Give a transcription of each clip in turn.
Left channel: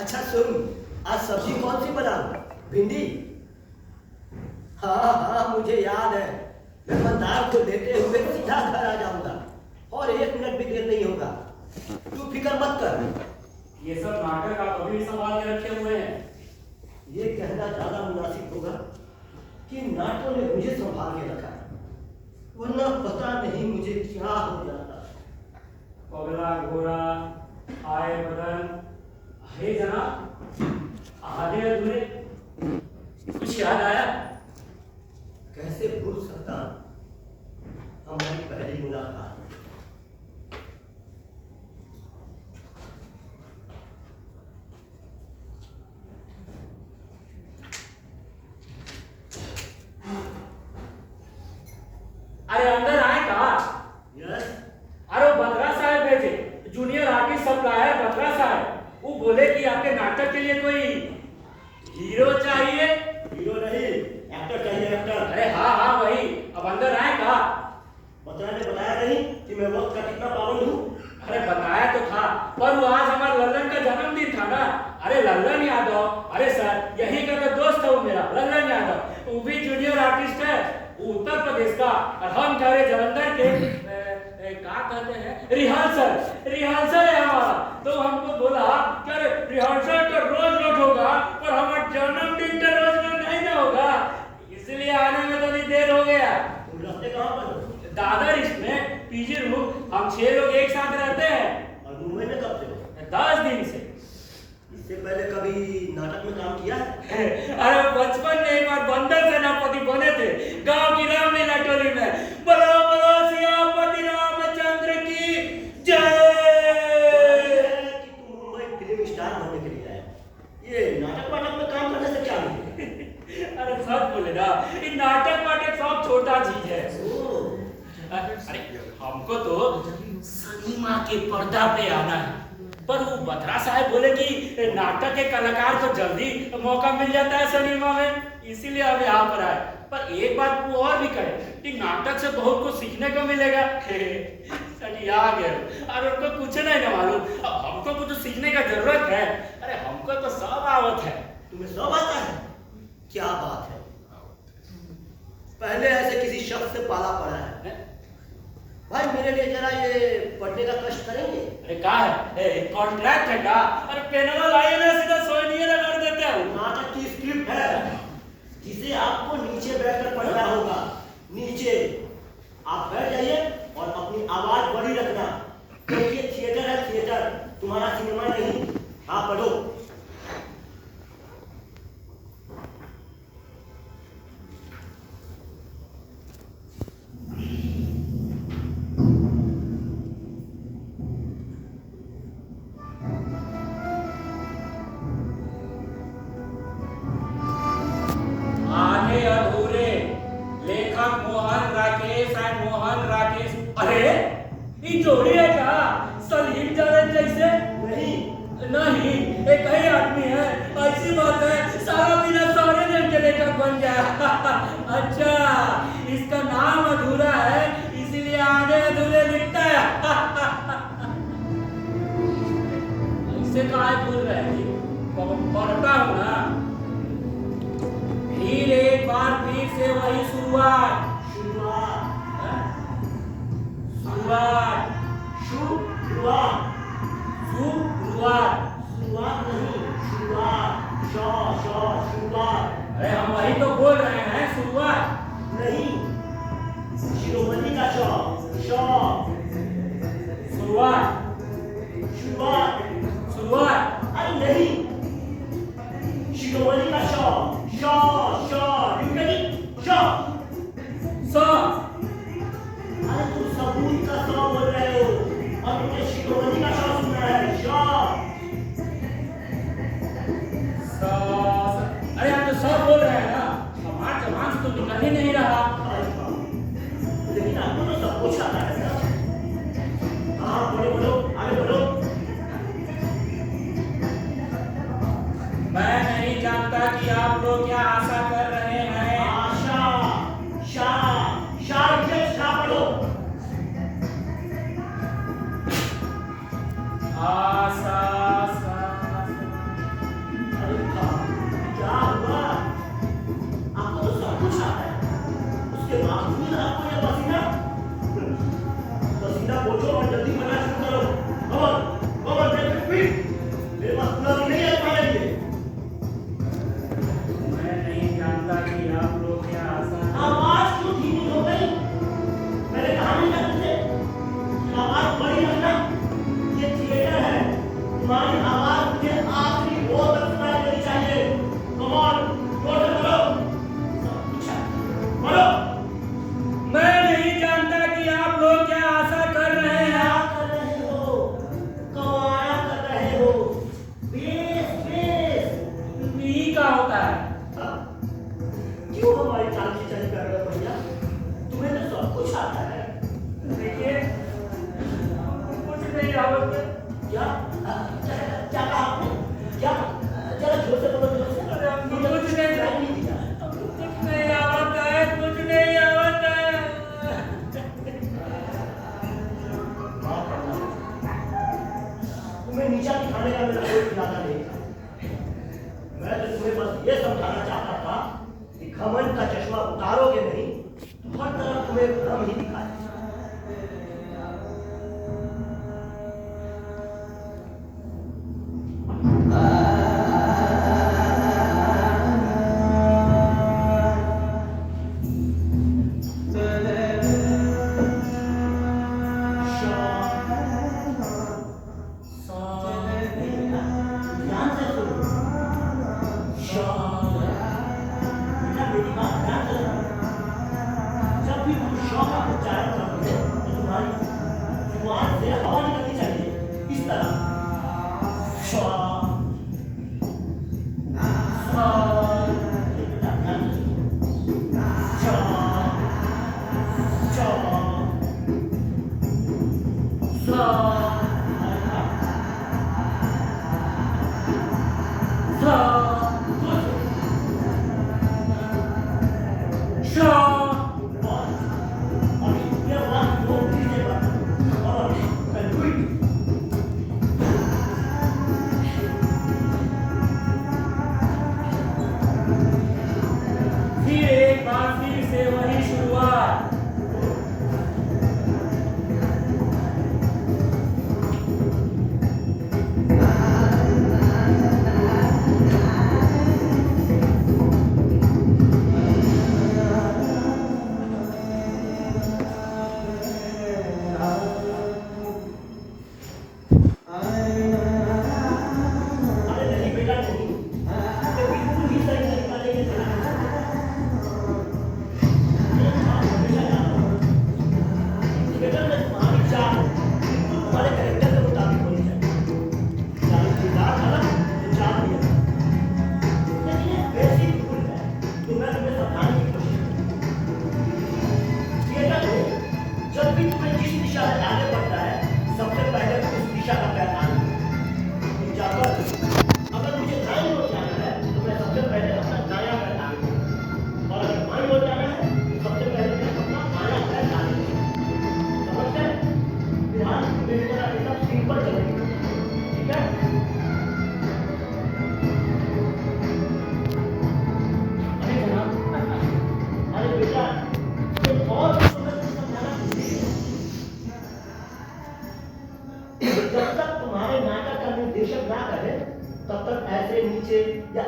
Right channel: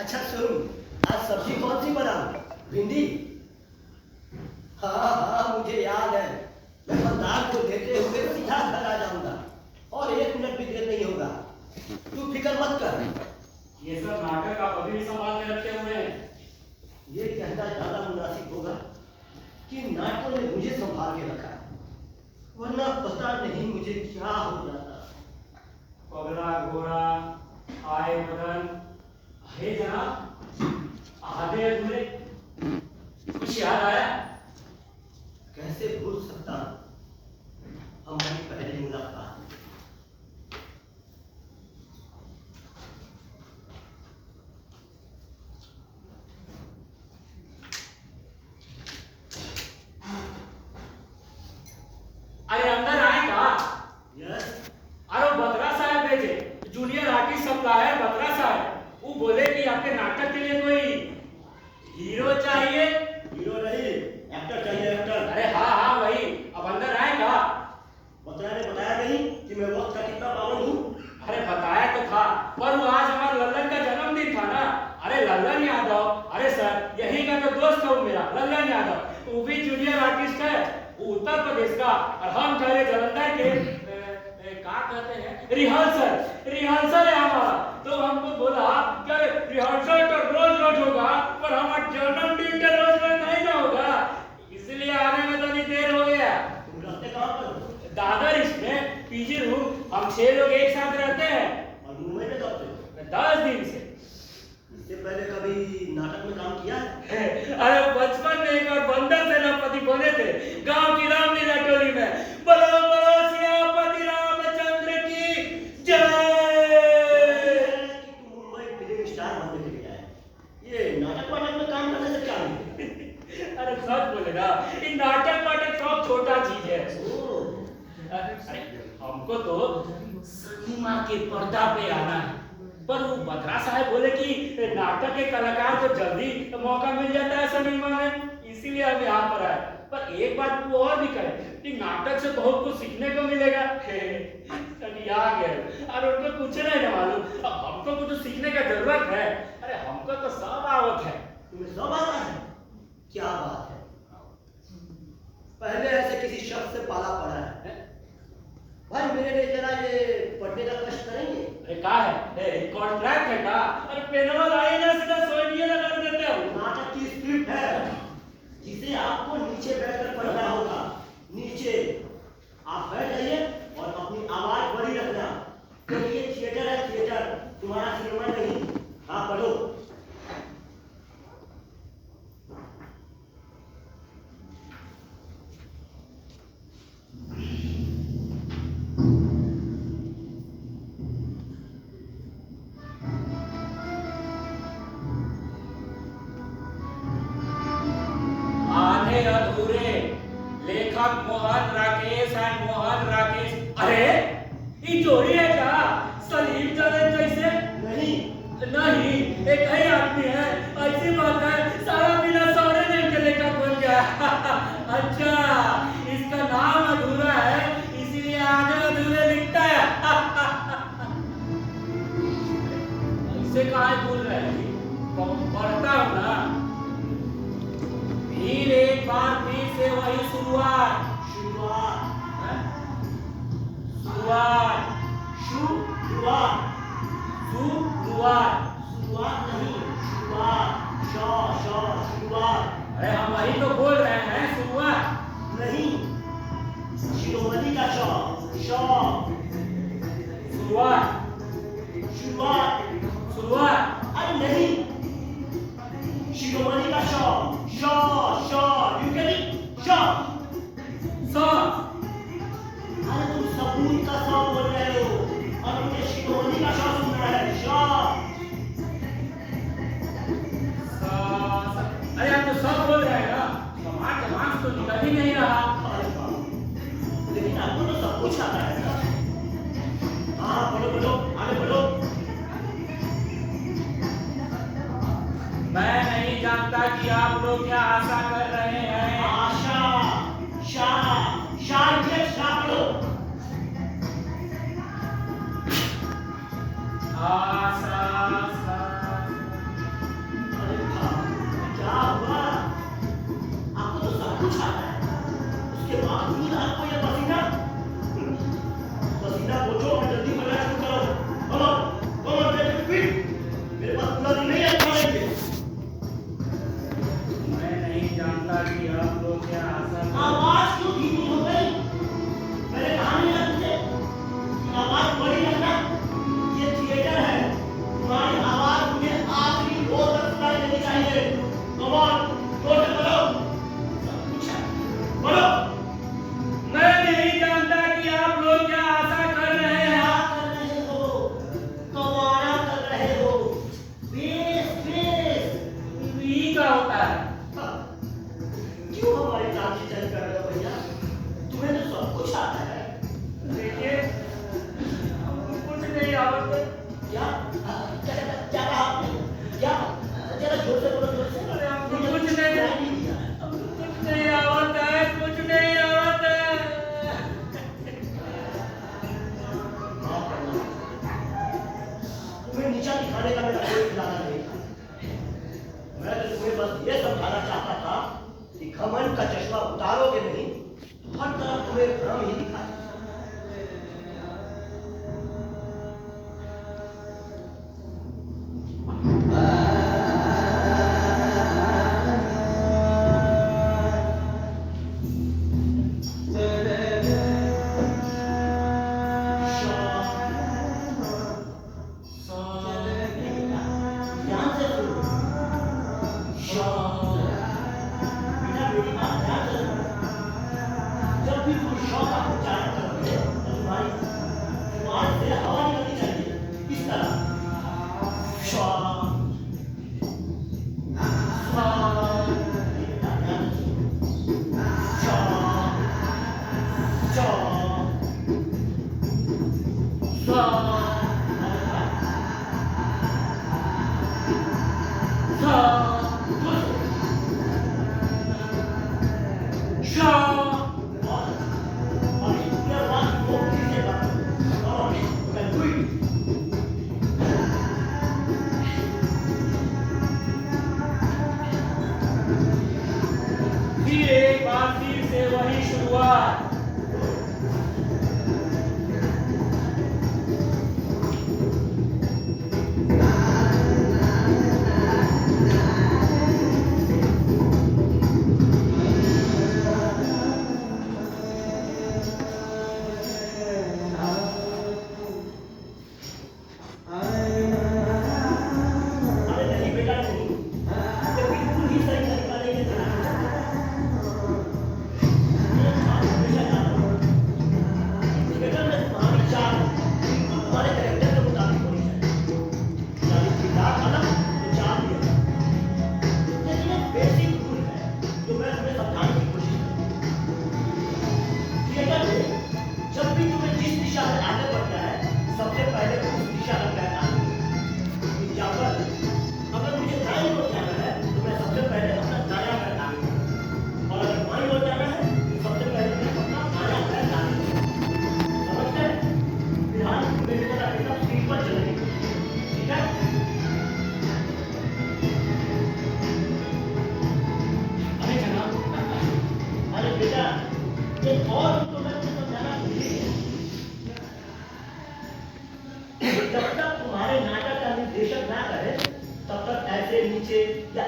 अच्छा सुन, आज सब्जी कौन सी बनाऊं? भिंडी? हाँ हाँ मुझे याद है, मैं मंदार को लेते हुए सीधा घर आ जाऊंगा और 1 मिनट भी देर नहीं होगा। तू फिक्र मत कर। ये सब नाटक आप अभी भी संभाल के रखे हुए हैं। ये कहना ज्यादा मुनासिब होगा कि नाटकों ने मुझे संभाल के रखा है, वरना पता नहीं मुझे क्या हो जाता। पगला घोड़ा आए बदन, हे जनाब, आधे अधूरे कुछ याद आया? कैसे भूल सकता हमारी पहली मुलाकात। अरे अंदर आए का? यस। अरे बत्रा साहब भेजे, जूनियर आर्टिस्ट सप्लायर बत्रा साहब। वो बोले कि आपके नाटक के लिए कोई हीरो चाहिए। हीरो नहीं, एक्टर चाहिए, एक्टर। अरे हाँ हाँ वही, अब अंदर आए का? बतरा ने बताया नहीं कि मैं वक्त का कितना पाबंद हूँ। अरे बताया तो था, पर वो आज हमारे लल्लन का जन्मदिन था ना। अरे लल्लन यादव, अरे सर यही का तो दोस्त है वो मेरा लल्लन यादव, वो भी जूनियर आर्टिस्ट है, वो उत्तर प्रदेश का, और हम ठहरे जलंधर के क्या कहते हैं रिहर्सल है हमारा। तो हमको बोला कि अरे रिहर्सल तो रोज रोज होगा, पर हमारा जन्मदिन तो रोज रोज नहीं ना होगा, इसलिए आने में तो नहीं देर हो गया। तुम रहते कहाँ पर हो? दादर इसमें पीजी रूम, हम 6 लोग एक साथ रहते हैं। और मुंबई में कब से हो? 10 दिन से। इससे पहले कभी नाटक में काम किया है? अरे बचपन में एक बार बंदर सेनापति बने थे गांव की रामलीला टोली में। बोलो बोलो सियापति रामचंद्र की जय। कि तुम मुंबई फिल्म स्टार बनने के लिए आए, ये नाटक वाटक में काम करने से क्या नहीं? अरे सब बोले ना, ये नाटक वाटक सब छोटा चीज है। अरे हमको तो सिनेमा के पर्दा पे आना है, पर वो बत्रा साहब बोले कि नाटक के कलाकार को जल्दी मौका मिल जाता है सिनेमा में, इसीलिए हम यहाँ पर आए। पर एक बात वो और भी कहे कि नाटक से बहुत कुछ सीखने को मिलेगा। आ गए और उनको कुछ नहीं ना मालूम, अब हमको कुछ सीखने का जरूरत है। अरे हमको तो सब आवत है। तुम्हें सब आता है? क्या बात है, पहले ऐसे किसी शख्स से पाला पड़ा है। भाई मेरे लिए जरा ये पढ़ने का कष्ट करेंगे? अरे का है कॉन्ट्रैक्ट है का? अरे पेनवा लाइए ना, सीधा सोनिए ना कर देते हैं। नाटक की स्क्रिप्ट है जिसे आपको नीचे बैठकर पढ़ना होगा। नीचे आप बैठ जाइए और अपनी आवाज बड़ी रखना, क्योंकि ये थिएटर है, थिएटर, तुम्हारा सिनेमा नहीं। हाँ पढ़ो। आधे अधूरे, लेखक मोहन राकेश एंड मोहन राकेश। अरे ये जोड़ी है क्या? सलीम जावेद जैसे? नहीं नहीं, एक ही आदमी है। ऐसी बात है, सारा दिन सारे दिन के लेखक बन गया। अच्छा, इसका नाम अधूरा है, इसीलिए आधे अधूरे लिखता है। ऐसे काहे बोल रहे हैं? पढ़ता हूँ ना। फिर एक बार फिर से वही शुरुआत। शुरुआत शुरुआत शुरुआत शुरुआत शुरुआत नहीं, शुरुआत। शुरुआत। अरे हम वही तो बोल रहे हैं, शुरुआत नहीं, शिरोमणि का शुरुआत। शुरुआत। शुरुआत। अरे नहीं, शिरोमणि का यू गेट इट? सा। अरे तुम सबूत का बोल रहे हो और मुझे शिरोमणि का सुनना है। अरे आप तो सब बोल रहे हैं ना, हमारे जबान से तो निकल ही नहीं रहा। लेकिन आपको तो सब कुछ आता है ना। हाँ बोलो बोलो, आगे बोलो। मैं नहीं जानता कि आप लोग क्या आशा कर रहे हैं। आशा, शाह बोलो। आशा ज्यादा नहीं था। मैं तो तुम्हें बस ये समझाना चाहता था कि घमंड का चश्मा उतारोगे नहीं, हर तरफ तुम्हें भ्रम ही दिखाई।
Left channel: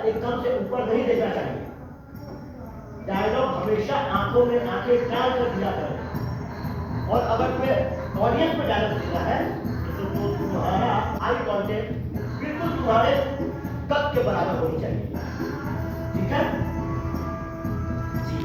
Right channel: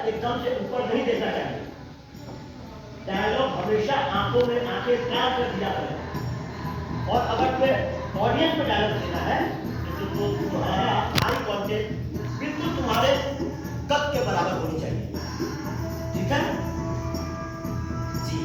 एकदम से ऊपर नहीं देखना चाहिए। डायलॉग हमेशा आंखों में आंखें डाल कर दिया करें। और अगर तुम्हें ऑडियंस में डायलॉग देना है तो तुम्हारा आई कांटेक्ट बिल्कुल तुम्हारे कद के बराबर होनी चाहिए। ठीक है जी।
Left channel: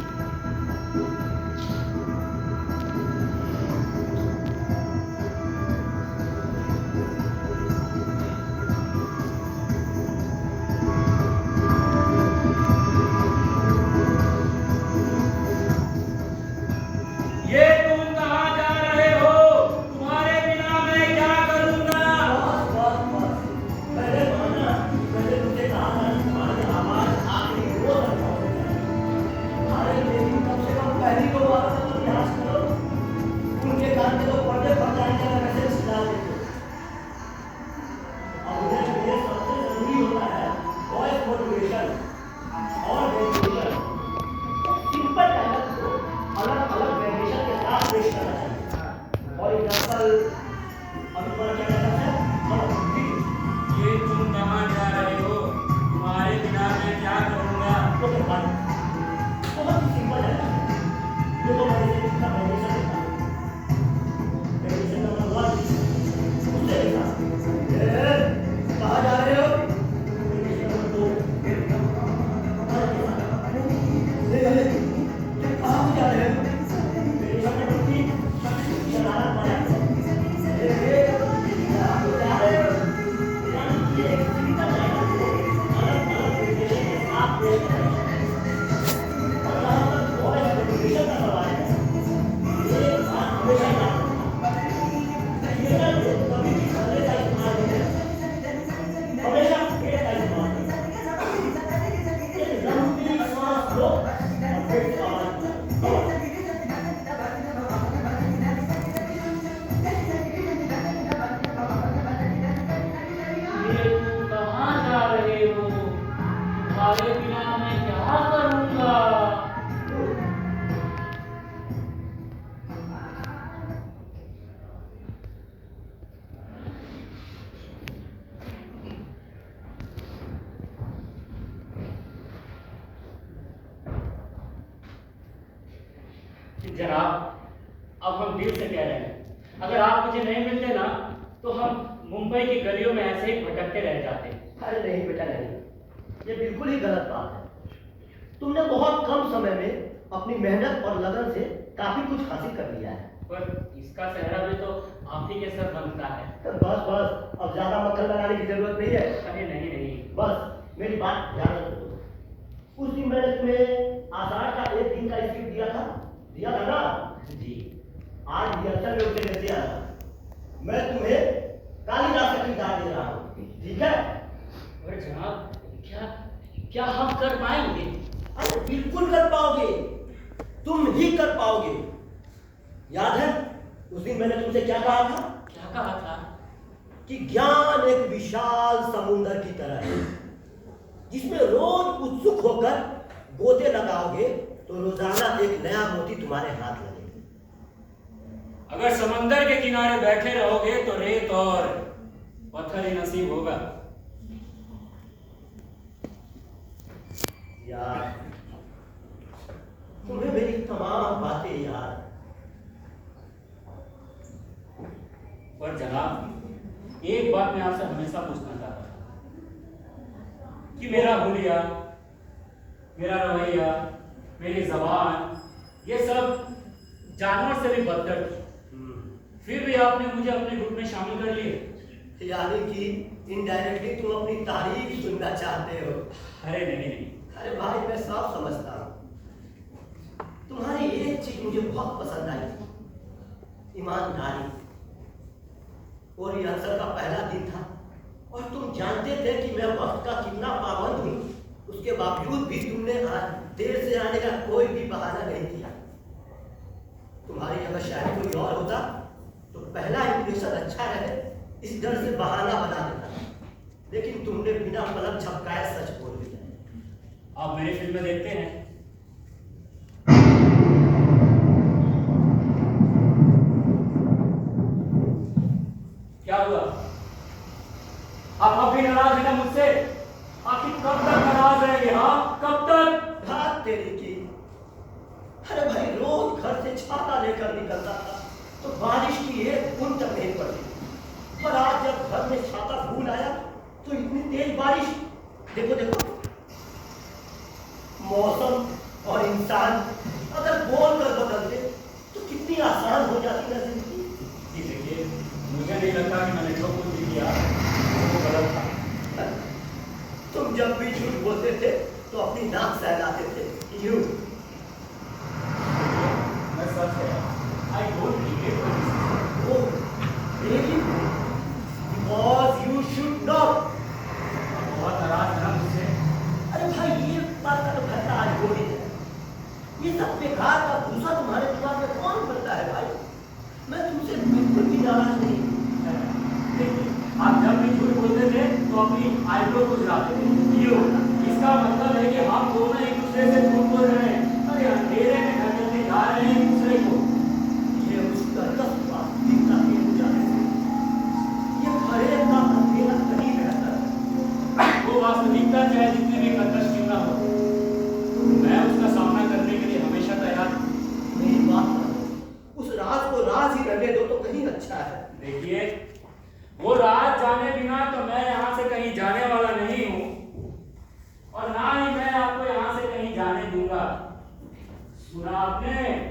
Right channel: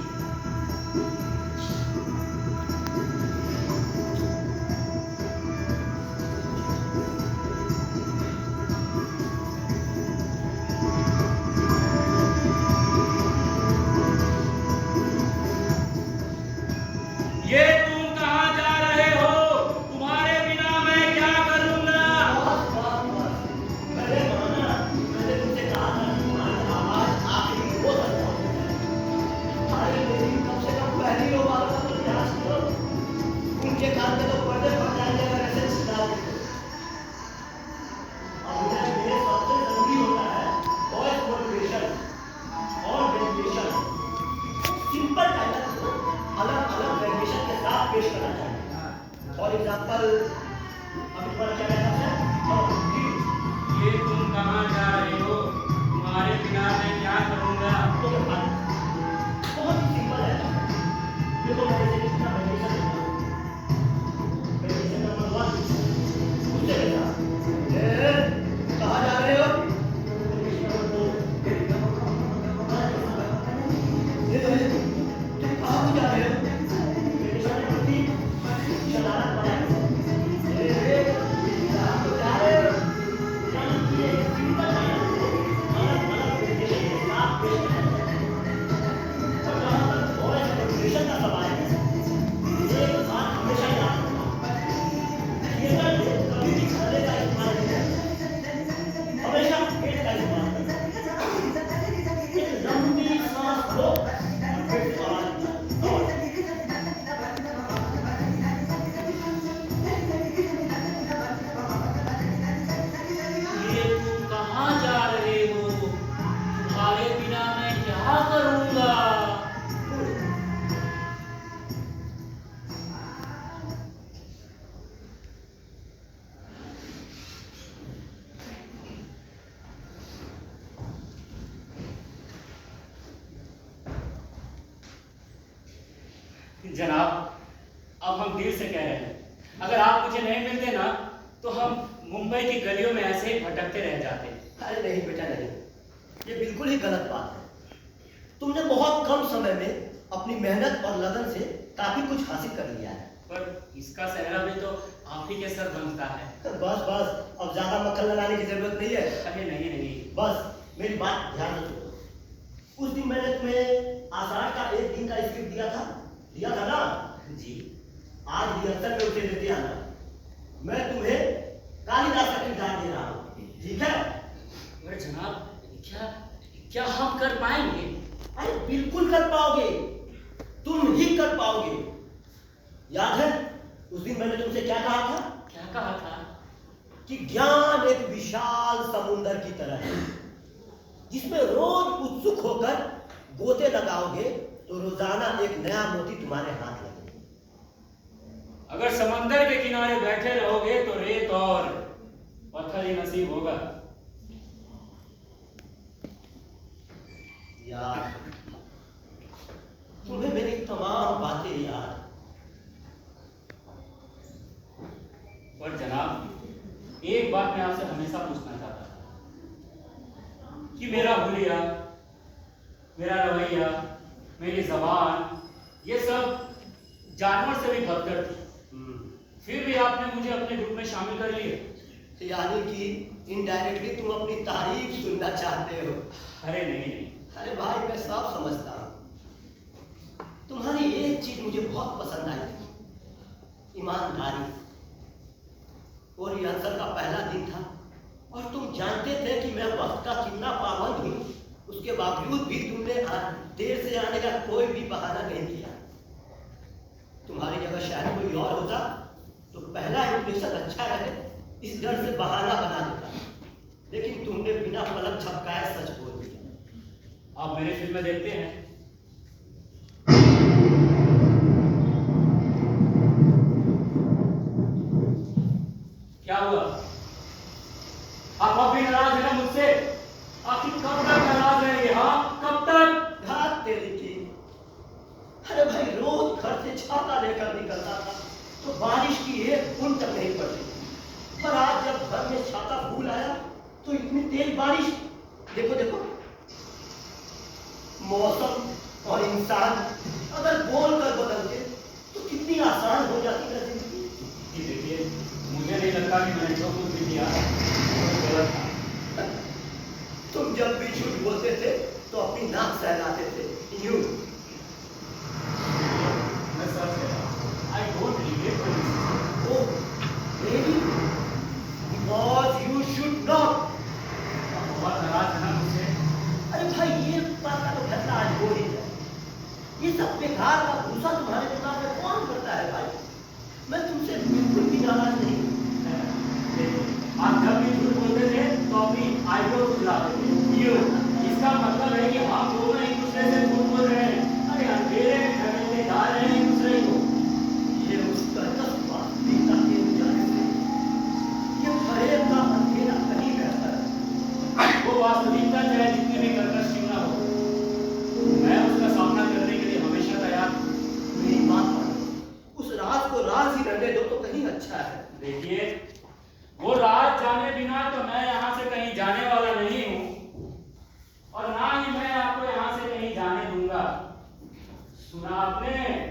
जनाब, अब हम दिल से कह रहे हैं, अगर आप मुझे नहीं मिलते ना तो हम मुंबई की गलियों में ऐसे ही भटकते रह जाते। अरे नहीं बेटा नहीं, ये बिल्कुल ही गलत बात है। तुमने बहुत कम समय में अपनी मेहनत और लगन से काफी कुछ हासिल कर लिया है। पर इसका सेहरा भी तो आप ही के सर बनता है। बस बस, अब ज्यादा मक्खन लगाने की जरूरत नहीं है। अरे नहीं नहीं, बस मेरी बात ध्यान रखो। उस दिन मैंने तुम्हें आषाढ़ का एक दिन का स्क्रिप्ट दिया था ना जी। आज रिहर्सल में उसे लेते आना। मैं तुम्हें कालिदास का किरदार दे रहा हूँ, ठीक है? अरे जनाब, क्या क्या हम कर पाएंगे? अरे बिल्कुल कर पाओगे, तुम ही कर पाओगे। याद है उस दिन मैंने तुमसे क्या कहा था? क्या कहा था? कि ज्ञान एक विशाल समुद्र की तरह है, जिसमें रोज उत्सुक होकर गोते लगाओगे तो रोजाना एक नया मोती तुम्हारे हाथ लगेगा। अगर समंदर के किनारे बैठे रहोगे तो रेत और पत्थर ही नसीब होगा। यार, तुम्हें मेरी तमाम बातें याद। पर जनाब, एक बात मैं आपसे हमेशा पूछना चाहता था कि मेरा हुलिया, मेरा रवैया, मेरी जबान, ये सब जानवर से भी बदतर थी, फिर भी आपने मुझे अपने ग्रुप में शामिल कर लिए। यानी कि इनडायरेक्टली तुम अपनी तारीफ सुनना चाहते हो। अरे नहीं नहीं, अरे भाई, मैं सब समझता हूँ। तुम्हारी एक चीज मुझे बहुत पसंद आई थी, ईमानदारी। और रिहर्सल का पहला दिन था और तुम जानते थे कि मैं वक्त का कितना पाबंद हूँ, उसके बावजूद भी तुमने देर से आने का कोई भी बहाना नहीं किया। तुम्हारी जगह शायद कोई और होता तो पहला इंप्रेशन अच्छा है इस डर से बहाना बना देता, लेकिन तुमने बिना पलक झपकाए सच बोल दिया। आप मेरी फिल्में देखते हैं? क्या हुआ? आप अब भी नाराज हैं ना मुझसे? आखिर कब तक नाराज रहेंगे? हाँ, कब तक? घात तेरी की। अरे भाई, रोज घर से छाता लेकर निकलता था तो बारिश की एक बूंद तक नहीं पड़ी, और आज जब घर में छाता भूल आया तो इतनी तेज बारिश। देखो देखो, मौसम और इंसान अगर बोल कर बदलते तो कितनी आसान हो जाती ना जिंदगी। जी देखिए, मुझे नहीं लगता कि मैंने जो कुछ भी किया वो गलत था। तुम जब भी झूठ बोलते थे तो अपनी नाक सहलाते थे, यूं। मैं सच कह रहा हूँ, I don't regret for this. Oh, really? Because you should not. आप बहुत नाराज हैं ना मुझसे? अरे भाई, ये बात का तो फैसला आज हो ही जाए। ये सब बेकार का भूसा तुम्हारे दिमाग में कौन भरता है भाई? मैं तुमसे बिल्कुल भी नाराज नहीं हूँ। देखिए, आप जब भी झूठ बोलते थे तो अपनी आईब्रो खुजलाते थे, ये होता। इसका मतलब है कि हम दोनों एक दूसरे से झूठ बोल रहे हैं। अरे अंधेरे में ढकेलते जा रहे हैं एक दूसरे को। ये उसका वास्तविकता के उजाले से ये फरेब का अंधेरा कहीं रहता है। वो वास्तविकता चाहे जितनी भी कर्कश क्यों ना हो, मैं उसका सामना करने के लिए हमेशा तैयार हूँ। मेरी बात मानो, उस राज को राज ही रहने दो तो कहीं अच्छा है। देखिए, वो राज जाने बिना तो मैं यहाँ से कहीं जाने वाला नहीं हूँ, और ना ही मैं आपको यहाँ से कहीं जाने दूंगा। सुना आपने?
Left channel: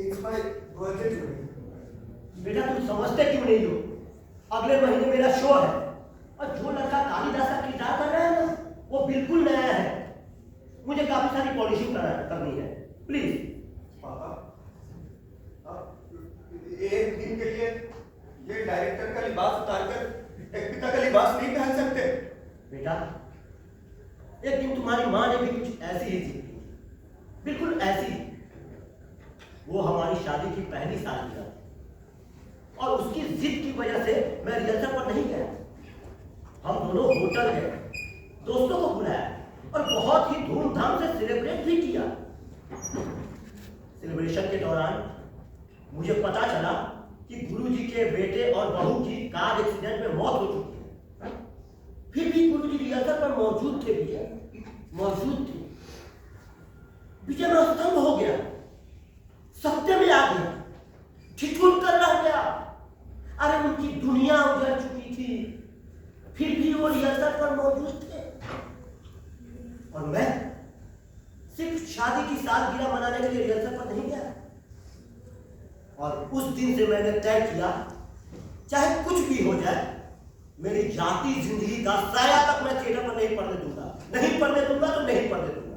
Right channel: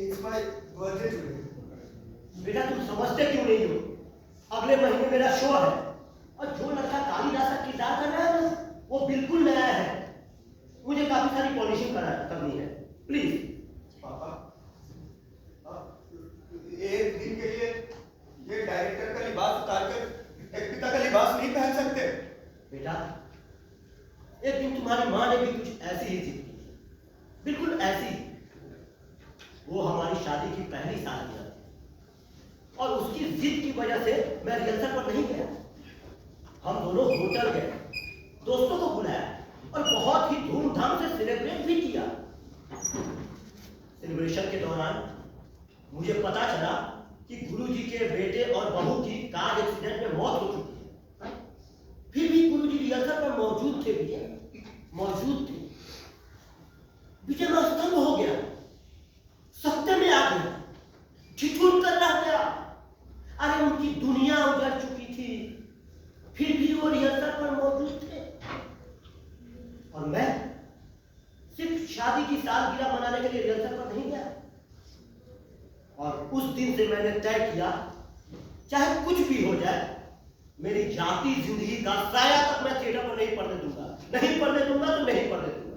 It's my birthday today. बेटा, तुम समझते क्यों नहीं हो? अगले महीने मेरा शो है और जो लड़का कालिदास का किरदार कर रहा है ना, वो बिल्कुल नया है। मुझे काफी सारी पॉलिशिंग करनी है। प्लीज पापा, एक दिन के लिए ये डायरेक्टर का लिबास उतारकर एक पिता का लिबास नहीं पहन सकते? बेटा, एक दिन तुम्हारी माँ ने भी कुछ ऐसी ही जिद की, बिल्कुल ऐसी। वो हमारी शादी की पहली सालगिरह थी और उसकी जिद की वजह से मैं रिहर्सल पर नहीं गया। हम दोनों होटल गए दोस्तों को बुलाया और बहुत ही धूमधाम से सेलिब्रेट भी किया। सेलिब्रेशन के दौरान मुझे पता चला कि गुरुजी के बेटे और बहू की कार एक्सीडेंट में मौत हो चुकी है। फिर भी गुरुजी रिहर्सल पर मौजूद थे। विजय में स्तंभ हो गया, सत्य में आ गया, ठिठुर कर रह गया। अरे उनकी दुनिया उजड़ चुकी थी, फिर भी वो रिहर्सल पर मौजूद थे और मैं सिर्फ शादी की सालगिरह मनाने के लिए रिहर्सल पर नहीं गया। और उस दिन से मैंने तय किया, चाहे कुछ भी हो जाए, मेरी जाति जिंदगी का साया तक मैं थिएटर पर नहीं पढ़ने दूंगा। नहीं पढ़ने दूंगा तो नहीं पढ़ने दूंगा।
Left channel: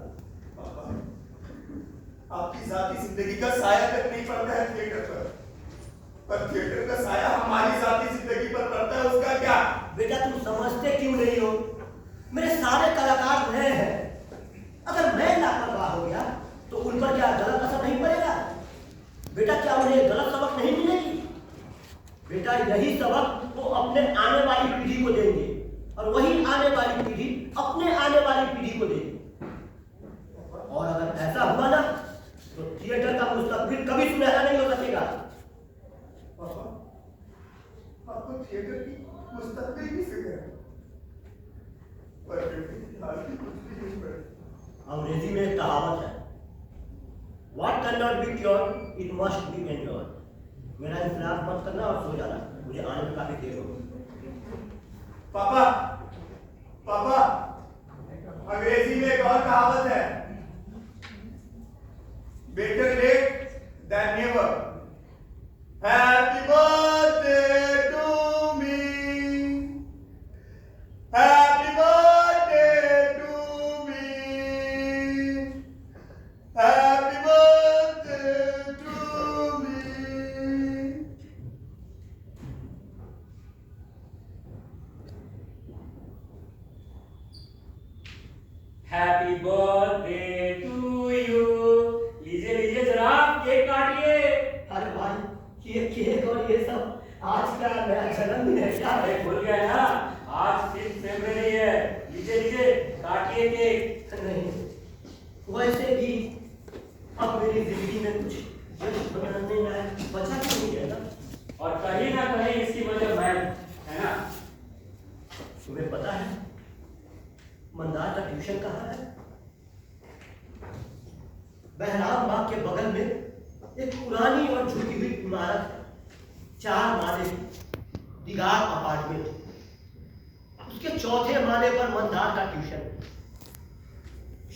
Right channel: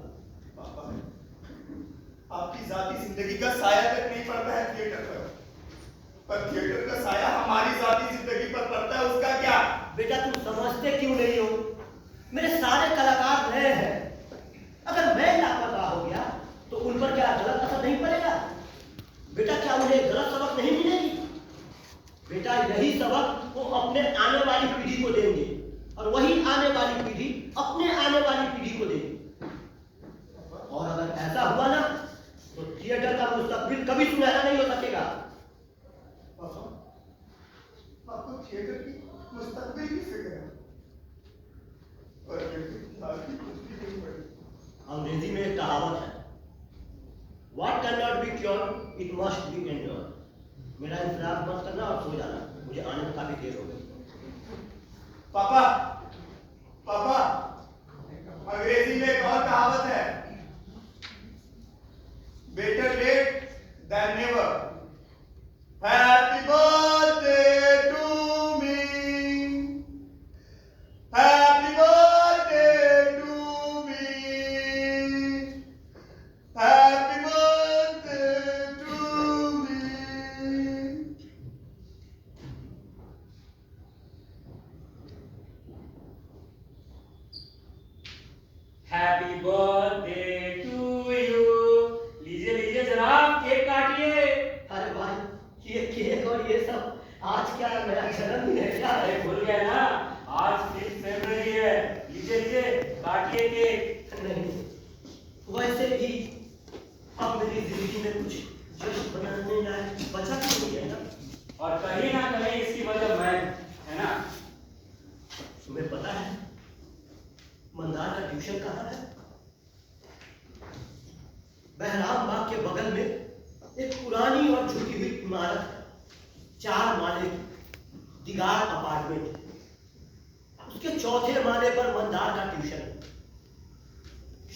आपकी जाति जिंदगी का साया तक नहीं पड़ता है थिएटर पर थिएटर का साया हमारी जाति जिंदगी पर पड़ता है, उसका क्या? बेटा तुम समझते क्यों नहीं हो? मेरे सारे कलाकार नए हैं। अगर मैं लापरवाह हो गया तो उन पर क्या गलत असर नहीं पड़ेगा? बेटा क्या उन्हें गलत सबक नहीं मिलेगी? बेटा यही सबक वो अपने आने वाली पीढ़ी को देंगे और वही आने वाली पीढ़ी अपने आने वाली पीढ़ी को देगी। और अगर ऐसा हुआ ना तो थिएटर का मुस्तकबिल कभी सुनहरा नहीं हो सकेगा। आपको थिएटर की मुस्तकबिल की फिक्र है, पर कुछ भी नहीं पड़ा। अंग्रेजी में एक कहावत है, What cannot be cured, it must be endured। मेरा इंतजार मत करना और सो जाना, मुझे आने में काफी देर हो गई। पापा, अंग्रेजी में एक और कहावत है, Better late than never। Happy birthday to me, happy birthday to me, happy birthday to me। Happy birthday to you. लीजिए जनाब, केक काटिए। अरे भाई ये केक और ये सब आज क्या नया जन्मदिन है क्या? अरे भूल गए ना, आज 5 फरवरी है। लीजिए काटिए केक। नहीं, वैसे भी अब मेरी जिंदगी में कुछ जश्न मनाने लायक बचा भी नहीं है ना। और कहीं ना कहीं इसकी वजह मैं, है ना? तुम्हें पता है मंदार का ट्यूशन कहाँ है? बहराम बाग के बगल में एक पुरानी और झुकी हुई इमारत है, 4 माले की दीगार अपार्टमेंट। उसके 4थे माले पर मंदार का ट्यूशन है।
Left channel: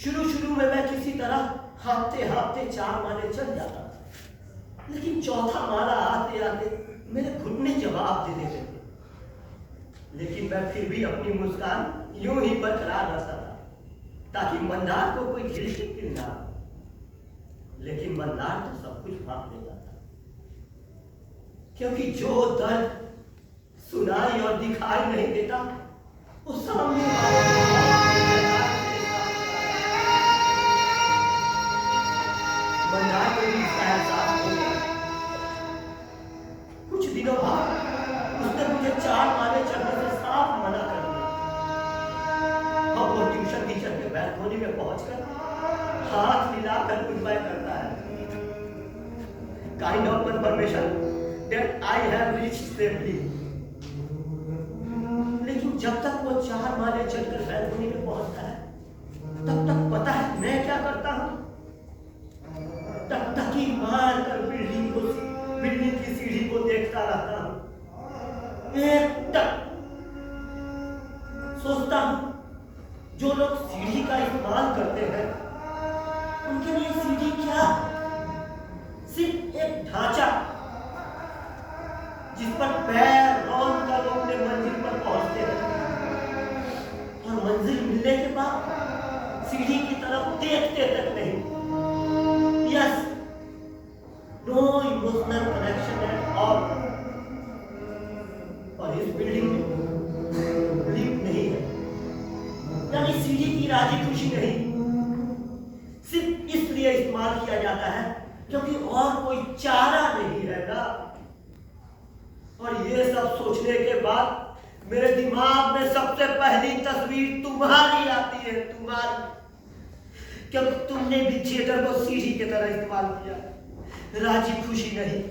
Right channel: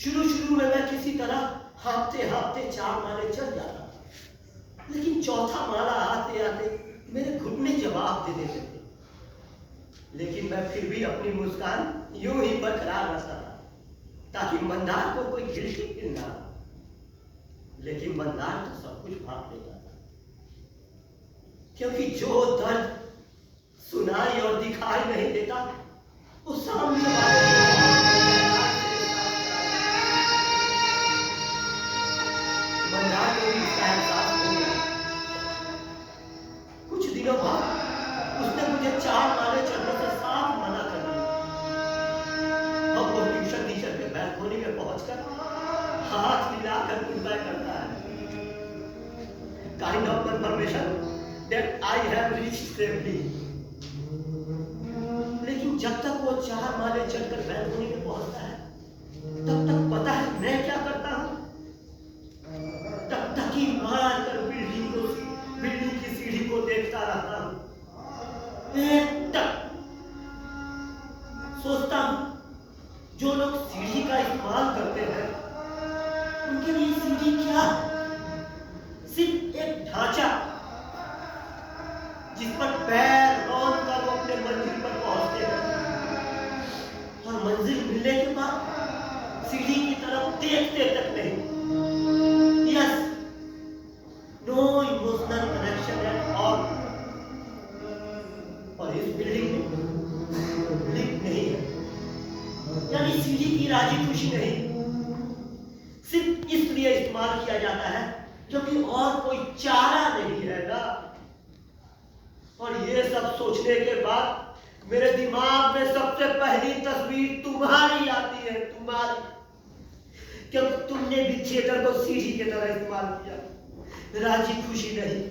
शुरू में मैं किसी तरह हाँफते 4 माले चढ़ जाता था, लेकिन 4था माला आते आते मेरे घुटने जवाब दे देते थे। लेकिन मैं फिर भी अपनी मुस्कान यूं ही बरकरार रखता था ताकि मंदार को कोई गिल्टी फील ना हो। लेकिन मंदार तो सब कुछ भाप देता था, क्योंकि जो दर्द सुनाई और दिखाई नहीं देता वो सामने वाले मंदार को भी इसका एहसास हो गया। कुछ दिनों बाद उसने मुझे 4 माले चढ़ने से साफ मना कर दिया। अब वो ट्यूशन टीचर के बैल्कनी में पहुंचकर हाथ मिलाकर गुड बाय करता है। Kind of confirmation that I have reached safely. लेकिन जब तक वो 4 माले चढ़कर बैल्कनी में पहुंचता है, तब तक पता है मैं क्या करता हूं? तब तक ही मार कर बिल्डिंग की सीढ़ी को देखता रहता हूं। एक तक सोचता हूं, जो लोग सीढ़ी का इस्तेमाल करते हैं उनके लिए सीढ़ी क्या? सिर्फ एक ढांचा जिस पर पैर रौंद कर वो अपने मंजिल पर पहुंचते हैं, और मंजिल मिलने के बाद सीढ़ी की तरफ देखते तक नहीं। Yes, no emotional connection at all. और इस बिल्डिंग में लिफ्ट नहीं है, यानी सीढ़ी की राजी खुशी नहीं। सिर्फ इसलिए इस्तेमाल किया जाता है क्योंकि और कोई चारा नहीं है ना। और ये सब सोचने के बाद मेरे दिमाग में सबसे पहली तस्वीर तुम्हारी आती है, तुम्हारी, क्योंकि तुमने भी थिएटर को सीढ़ी की तरह इस्तेमाल किया, राजी खुशी नहीं,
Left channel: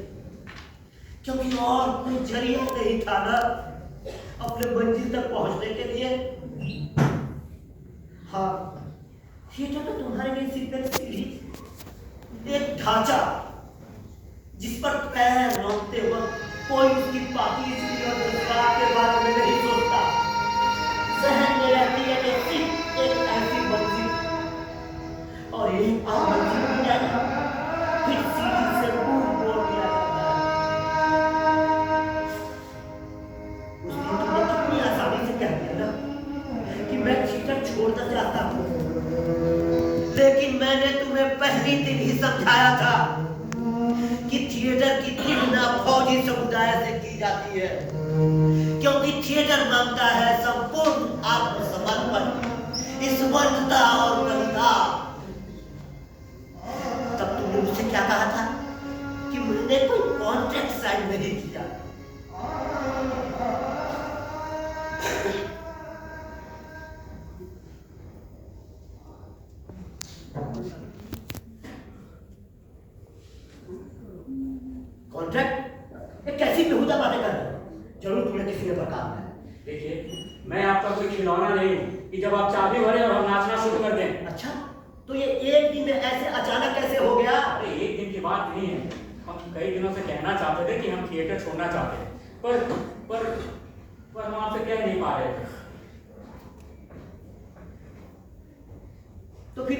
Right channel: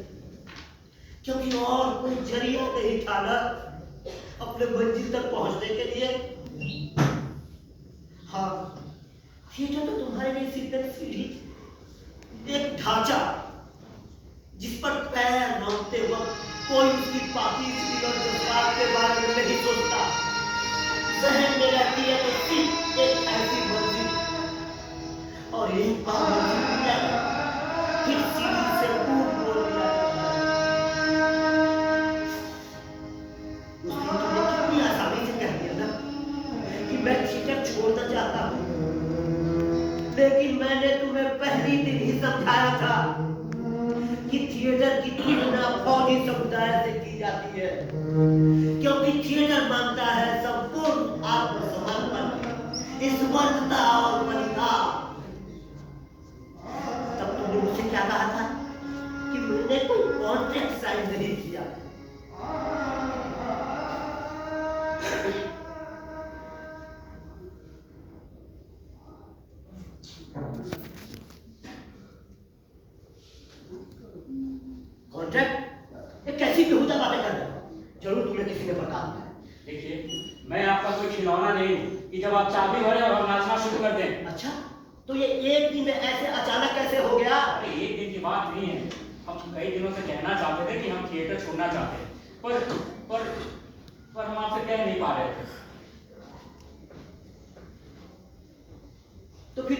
क्योंकि और कोई जरिया नहीं था ना अपने मंजिल तक पहुंचने के लिए। हाँ, थिएटर तो तुम्हारे लिए सिर्फ एक सीढ़ी, एक ढांचा जिस पर पैर रखते वक्त कोई उसकी पापी सीढ़ी और जज्बात के बारे में नहीं सोचता। जहन में रहती है तो सिर्फ एक ऐसी मंजिल, और एक बार मंजिल मिल जाए फिर सीढ़ी से मुंह मोड़ दिया जाता है। उस दिन तुमने कितनी आसानी से कह दिया ना कि मैं थिएटर छोड़ना चाहता हूँ, लेकिन मैंने तुम्हें पहली दिन ही समझाया था कि थिएटर की तुलना फौजी समुदाय से की जाती है, क्योंकि थिएटर मांगता है संपूर्ण आत्मसमर्पण, निस्वार्थता और बलिदान। तब तुमने मुझसे क्या कहा था कि मैंने कोई कॉन्ट्रैक्ट साइन नहीं किया। कॉन्ट्रैक्ट? ये कैसी बेहुदा बातें कर रहे हो? जरूर तुम्हें किसी ने बता दिया है। देखिए, मैं आपका कोई खिलौना नहीं हूँ कि जब आप चाबी भरे और हम नाचना शुरू कर दें। अच्छा, तो ये एक दिन में ऐसे अचानक कैसे हो गया? अरे एक दिन की बात नहीं है, हम कई दिनों से कहना चाहते थे कि हम थिएटर छोड़ना चाहते हैं, पर हम आपसे कह नहीं पा रहे थे। तो फिर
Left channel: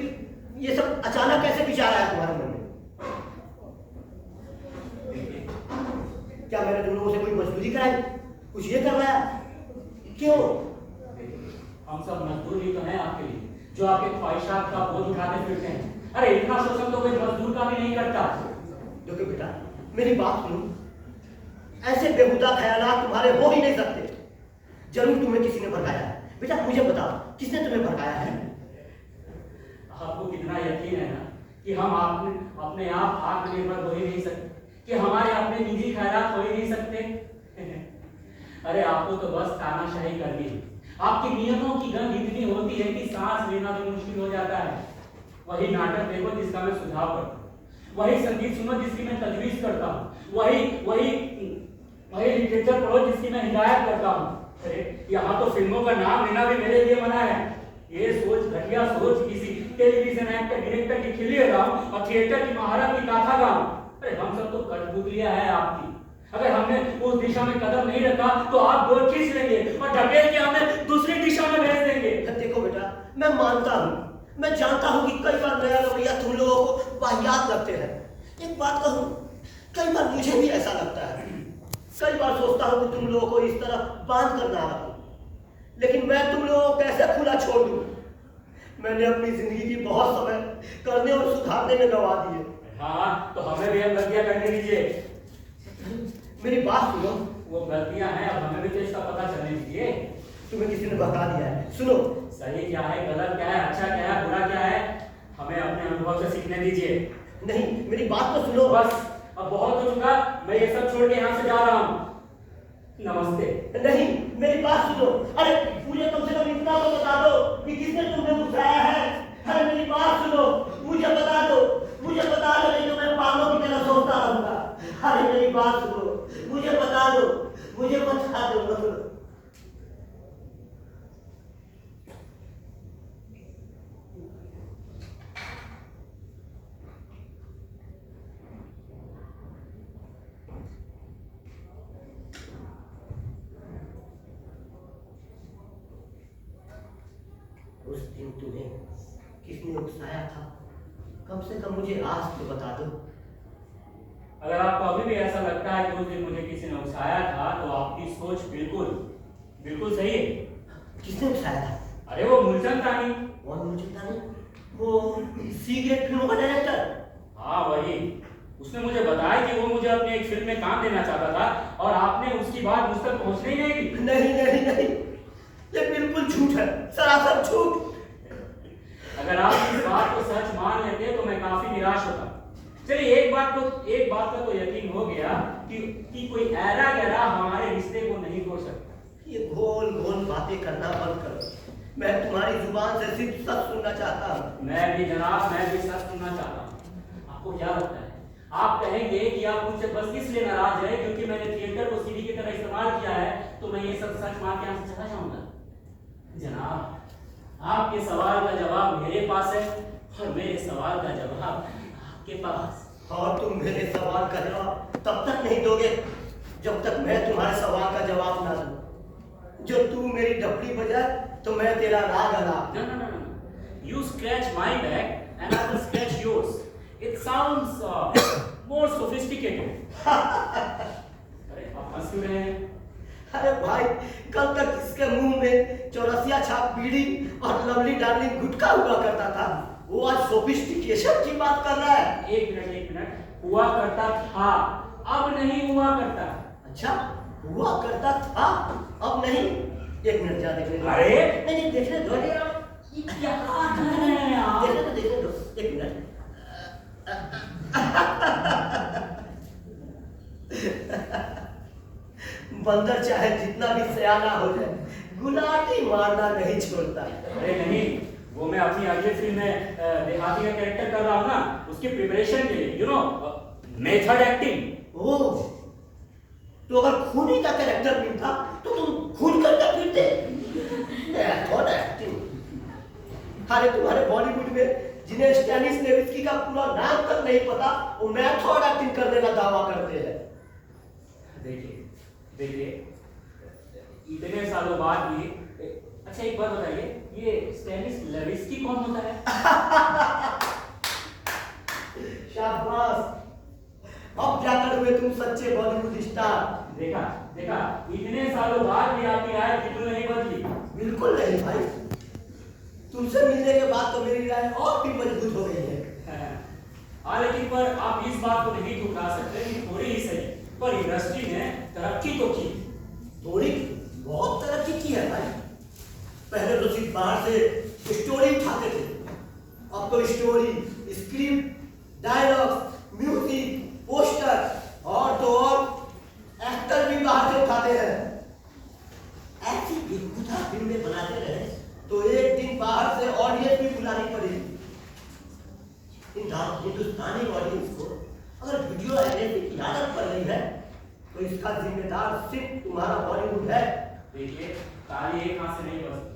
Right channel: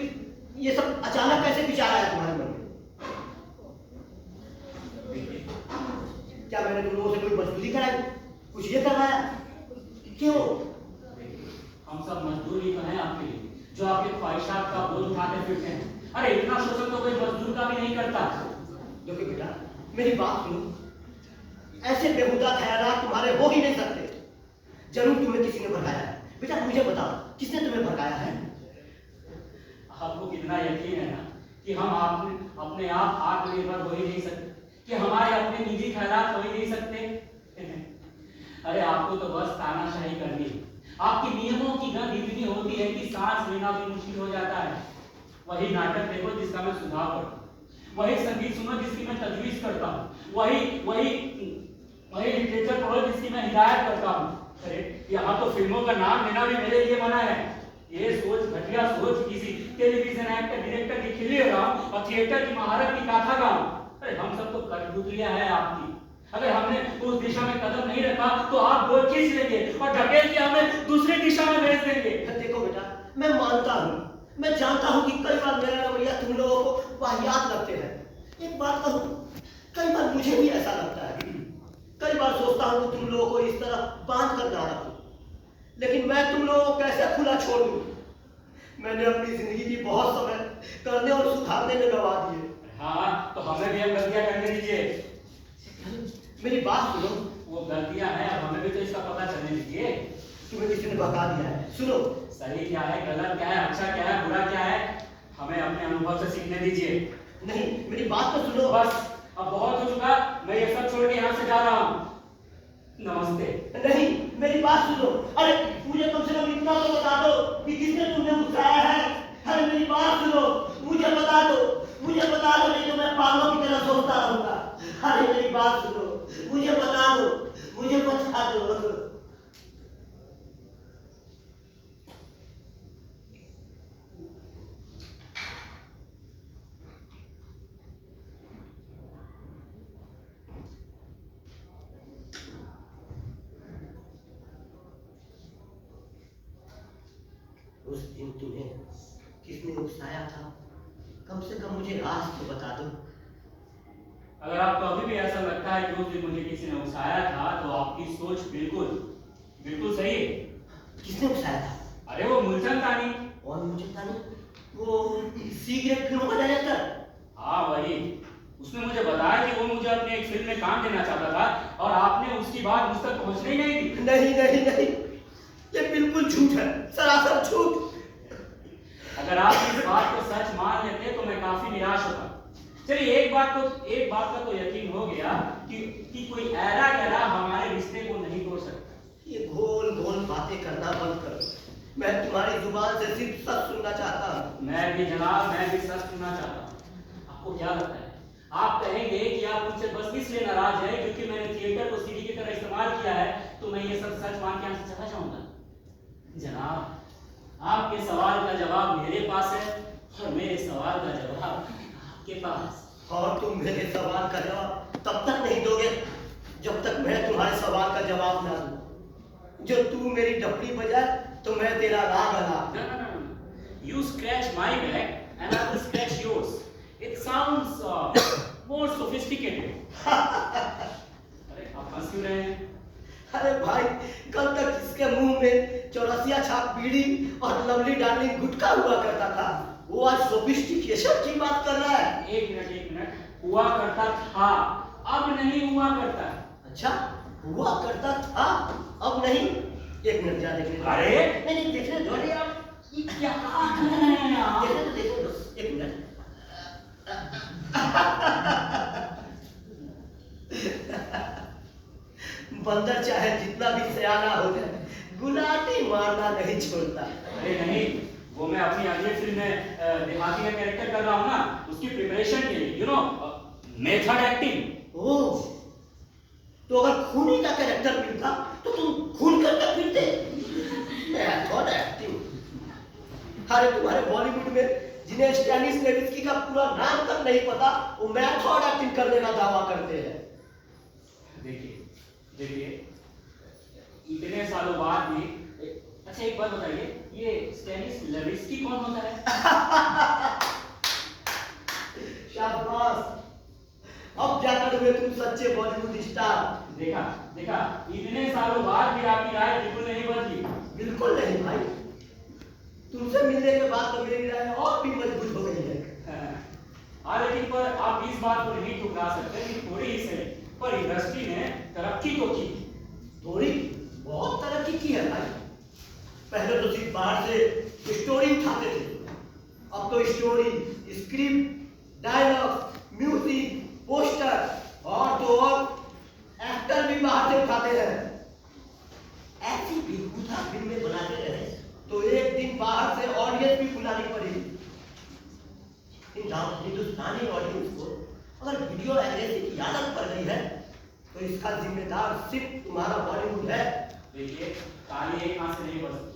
ये सब अचानक कैसे विचार आया तुम्हारे मन में? क्या मैंने तुम लोगों से कोई मजदूरी कराई, कुछ ये करवाया? क्यों? हम सब मजदूर ही तो हैं आपके लिए, जो आपके ख्वाहिशात का बोझ उठाते फिरते हैं। अरे इतना शोषण तो कोई मजदूर का भी नहीं करता। देखो बेटा, मेरी बात सुनो, ऐसे बेहुदा ख्यालात तुम्हारे हो ही नहीं सकते। जरूर तुम्हें किसी ने भड़काया है। बेटा मुझे बताओ, किसने तुम्हें भड़काया है? आपको कितना यकीन है ना कि हम अपने आप आत्मनिर्भर हो ही नहीं सकते, कि हमारे अपने निजी ख्यालात हो ही नहीं सकते। अरे आपको तो बस तानाशाही करनी है। आपकी नियमों की गंध इतनी होती है कि सांस लेना भी मुश्किल हो जाता है। वही नाटक देखो जिसका मैं सुझाव करता हूँ, वही संगीत सुनो जिसकी मैं तजवीज करता हूँ, वही लिटरेचर पढ़ो जिसकी मैं हिदायत करता हूँ। अरे यहाँ तो फिल्मों का नाम लेना भी मेरे लिए मना है। ये सोच, घटिया सोच, किसी टेलीविजन एक्टर डायरेक्टर की खिल्ली लगाऊं और थिएटर की महारत की गाथा गाऊं। अरे हम सब तो कठपुतलियां हैं आपकी। अगर हमने उस दिशा में कदम नहीं रखा तो आप डोर खींच लेंगे और ढकेल के हमें दूसरी दिशा में भेज देंगे। देखो बेटा, मैं मानता हूँ, मैं जानता हूँ कि कई बार मेरा रवैया तुम लोगों को वाहियात लगते हैं। एक बात कहूँ, कई बार मुझे भी ऐसा लगता है। कई बार सोचता हूँ कि तुम लोगों को इस तरह बांध कर ना रखूं, लेकिन मैं तुम लोगों को कैसे खुला छोड़ दूं? मैंने अपनी जिंदगी की बहुत समय करने और सुधारने में गवा दिए। हाँ, तो हमें भी हम गलतियां करने दीजिए। मेरी बात सुनो। वो गलतियां हैं, अब हमें भी तो इसका पता चलने दीजिए। तुम्हें किसी ने बता दिया है। सुनो, सही क्या है, गलत क्या है, अच्छा क्या है, बुरा क्या है, हमें अपने अनुभव से सीखने दीजिए। नहीं, मेरी बात तो सुनो। बस अब बहुत हो चुका, मैं ये सब छोड़ के यहाँ से जा रहा हूँ। नमस्ते। नहीं, मेरी बात सुनो। अरे मुझे कम से कम इतना तो बता दो कि किसने तुम्हें उठाया है। अरे मेरी बात सुनो, मुझे बता दो, नहीं तो मैं पागलों की तरह सोचता रहूंगा। अरे मेरी बात सुनो, मुझे बता दो। उस दिन तुम्हें किसने उकसाया था? कम से कम मुझे आज तो बता दो। अगर आपको अभी भी ऐसा लगता है कि उस दिन मुझे किसी ने उकसाया था तो आपकी सोच बिल्कुल सही है। किसने उकसाया था? अरे वो मूलचंद तानी। कौन मूलचंद तानी? वो सी ग्रेड फिल्मों का डायरेक्टर? हाँ वही। उसने मुझे बताया कि वो मुझे अपनी एक फिल्म में काम देना चाहता था और आपने उसकी बात मुझ तक पहुंचने ही नहीं दी। नहीं, ये बिल्कुल झूठ है, सरासर झूठ। अगर आप इस बात को सच मान लेते तो मैं काफी निराश होता। चलिए एक बात का तो यकीन हो गया कि कोई ऐरा गहरा हमारे रिश्ते को नहीं तोड़ सकता। ये घोल घोल बातें करना बंद करो। मैं तुम्हारी जुबान से सिर्फ सच सुनना चाहता हूँ। मैं भी जनाब, मैं भी सच सुनना चाहता हूँ। आपको क्या लगता है, आप कहेंगे कि आप मुझसे बस इसलिए नाराज है क्योंकि मैंने थिएटर को सीढ़ी की तरह इस्तेमाल किया है, तो मैं ये सब सच मान के यहाँ से चला जाऊंगा? जनाब, आपके सवाल का जवाब मेरे पास है और मेरे सवाल का जवाब आपके पास। और तुम मेरे सवाल का जवाब तब तक नहीं दोगे जब तक मैं तुम्हारे सवाल का जवाब ना दूं। जो तू मेरी डपली बजाए तो मैं तेरा राग अला। No. You scratch my back and I will scratch yours. It sounds more sophisticated. अरे आप हंस क्यों रहे हैं? अरे भाई, कल तक इसके मुंह में चौरसिया छाप बीड़ी और लवली डार्लिंग गुटखा हुआ करता था, वो आज सोफिस्टिकेशन की बात कर रहा है। एक मिनट, हुआ करता था, अब नहीं हुआ करता। अच्छा, हुआ करता था, अब नहीं? एक मिनट जा देखने दो। अरे नहीं देखने दो। अरे आप ये क्या कर रहे हैं आप? देखने दो एक मिनट। बंदर चाहे जितना भी सयाना हो जाए, गुलाटी मारना नहीं छोड़ता। अरे नहीं, वो मैं अपनी अगली फिल्म में देहाती का कैरेक्टर कर रहा हूँ ना, उसकी प्रिपरेशन के लिए, यू नो, मेथड एक्टिंग। ओह, तो अगर खूनी का कैरेक्टर मिलता तो तुम खून करके फिरते। Method acting. अरे तुम्हारे बॉलीवुड में जिन्हें स्टैनिस लेविस्की का पूरा नाम तक नहीं पता, वो मेथड एक्टिंग करने का दावा करते हैं। देखिए, इतने सालों बाद भी, अच्छा एक बात बताइए, ये स्टैनिस लेविस्की कौन होता है? शाबाश, अब क्या करोगे तुम सच्चे बॉलीवुड स्टार। देखा, इतने सालों बाद भी आपकी राय बिल्कुल नहीं बदली। बिल्कुल नहीं भाई, तुमसे मिलने के बाद तो मेरी राय और भी मजबूत हो गई है। हाँ, लेकिन पर आप इस बात को नहीं ठुकरा सकते कि थोड़ी ही सही, पर इंडस्ट्री ने तरक्की तो की। थोड़ी बहुत तरक्की की है भाई। पहले तो सिर्फ बाहर से स्टोरी उठाते थे, अब तो story, script, dialogue, music, poster और तो और एक्टर भी बाहर से उठाते हैं। ऐसी बेहुदा फिल्में बनाते रहे तो एक दिन बाहर से ऑडियंस भी बुलानी पड़ेगी। हिंदुस्तानी ऑडियंस को अगर वीडियो एग्रेसिव की आदत पड़ गई है तो इसका जिम्मेदार सिर्फ तुम्हारा बॉलीवुड है। देखिए, ताली एक हाथ से नहीं बजती।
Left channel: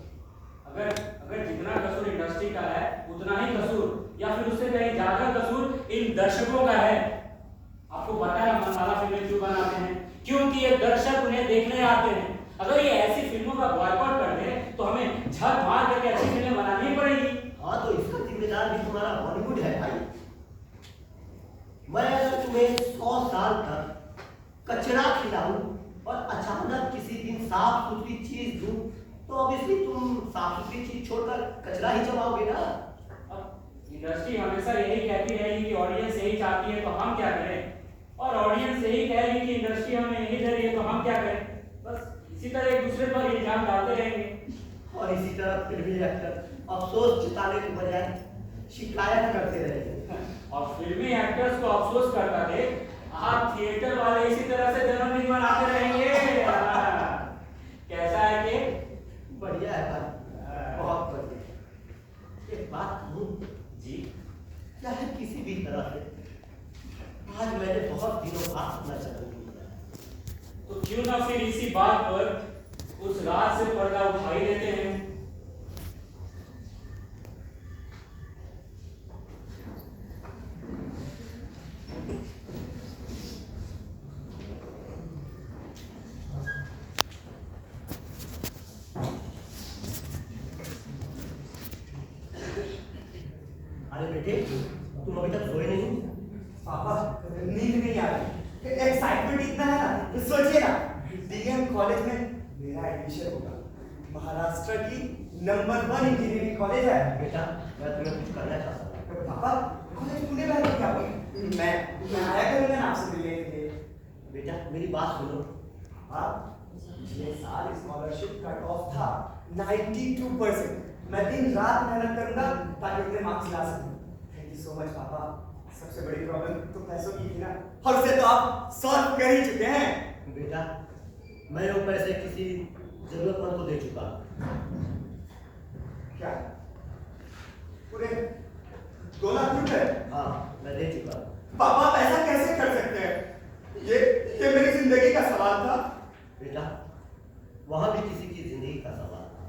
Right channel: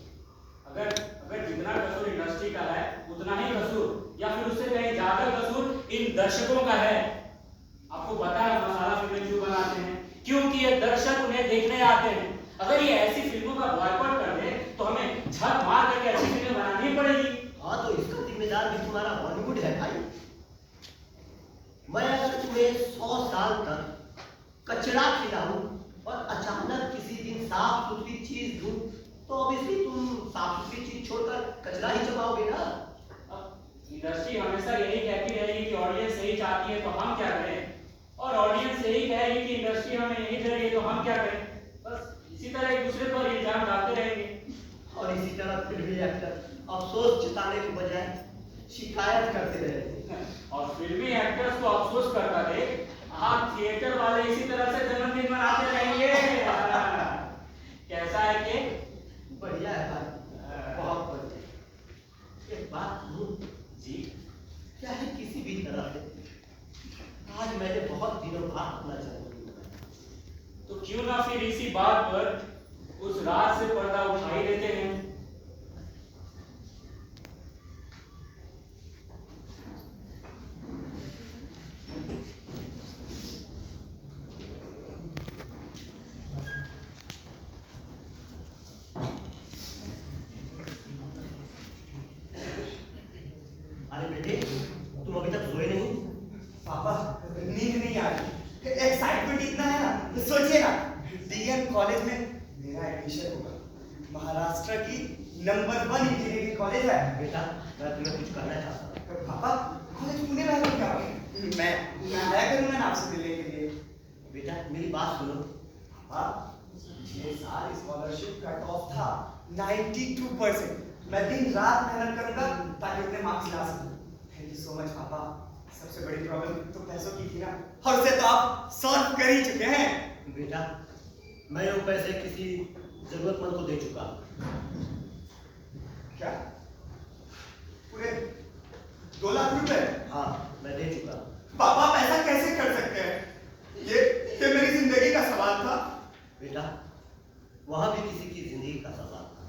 अगर जितना कसूर इंडस्ट्री का है उतना ही कसूर या फिर उससे कहीं ज्यादा कसूर इन दर्शकों का है। आपको पता है मसाला फिल्में क्यों बनाते हैं? क्योंकि ये दर्शक उन्हें देखने आते हैं। अगर ये ऐसी फिल्मों का बॉयकॉट कर दे तो हमें झक मार करके अच्छी फिल्में बनानी पड़ेगी। हाँ, तो इसका जिम्मेदार भी तुम्हारा बॉलीवुड है भाई। मैं अगर तुम्हें 100 साल तक कचरा खिलाऊं और अचानक किसी दिन साफ सुथरी चीज दूं तो ऑब्वियसली तुम साफ सुथरी चीज छोड़कर कचरा ही चबाओगे ना। अब इंडस्ट्री हमेशा यही कहती रहेगी कि ऑडियंस यही चाहती है तो हम क्या करें, और ऑडियंस यही कहेगी कि इंडस्ट्री हमें यही दे रही है तो हम क्या करें। बस इसी तरह एक दूसरे पर इल्जाम डालते रहेंगे। और इसी तरह फिल्मी एक्टर अफसोस जताने के बजाय शिकायत करते रहेंगे। और फिल्मी एक्टर्स को अफसोस करता देख आप थिएटर वाले इसी तरह से जन्मदिन मनाते रहेंगे। कैसा है कि? बढ़िया है भाई, बहुत बढ़िया। एक बात कहूं जी, चाहे किसी भी तरह से आज मैंने बहुत दिनों बाद अपना जन्मदिन मनाया, तो क्यों ना फिर इसी बात पर उस रात से पर्दा उठा ही देते हैं। अरे बेटे, तुम अभी तक सोए नहीं? पापा, नींद नहीं आ रही, एक्साइटमेंट इतना है ना। सोचिए ना, डीएम कॉलेज में मेरा एडमिशन होगा। महाराष्ट्र की नंबर 1 इंजीनियरिंग कॉलेज है। बेटा, मैं तुम्हें कुछ करना चाहता हूँ। पापा, कॉलेज तूने पहले क्या बोला? मैं आया करूंगा ना आपसे मिलने के लिए। बेटा मेरी बात सुनो। पापा, ये साल स्कॉलरशिप कट ऑफ था 92%। मैं दिन रात मेहनत करूंगा ताकि अपने मार्क्स ला सकूं। थैंक यू सो मच पापा। सबसे बड़ी प्रॉब्लम तो पैसों की थी ना, और उसे तो आप सॉल्व कर ही चुके हैं। बेटा, मैं वो पैसे किसी जरूरतमंद को दे चुका। क्या? पूरे 2 लाख रुपए? हाँ, मैं दे चुका। पापा आप ऐसा कैसे कर सकते हैं? ये मेरी जिंदगी का सवाल था। बेटा, वहां भी किसी की जिंदगी का सवाल था।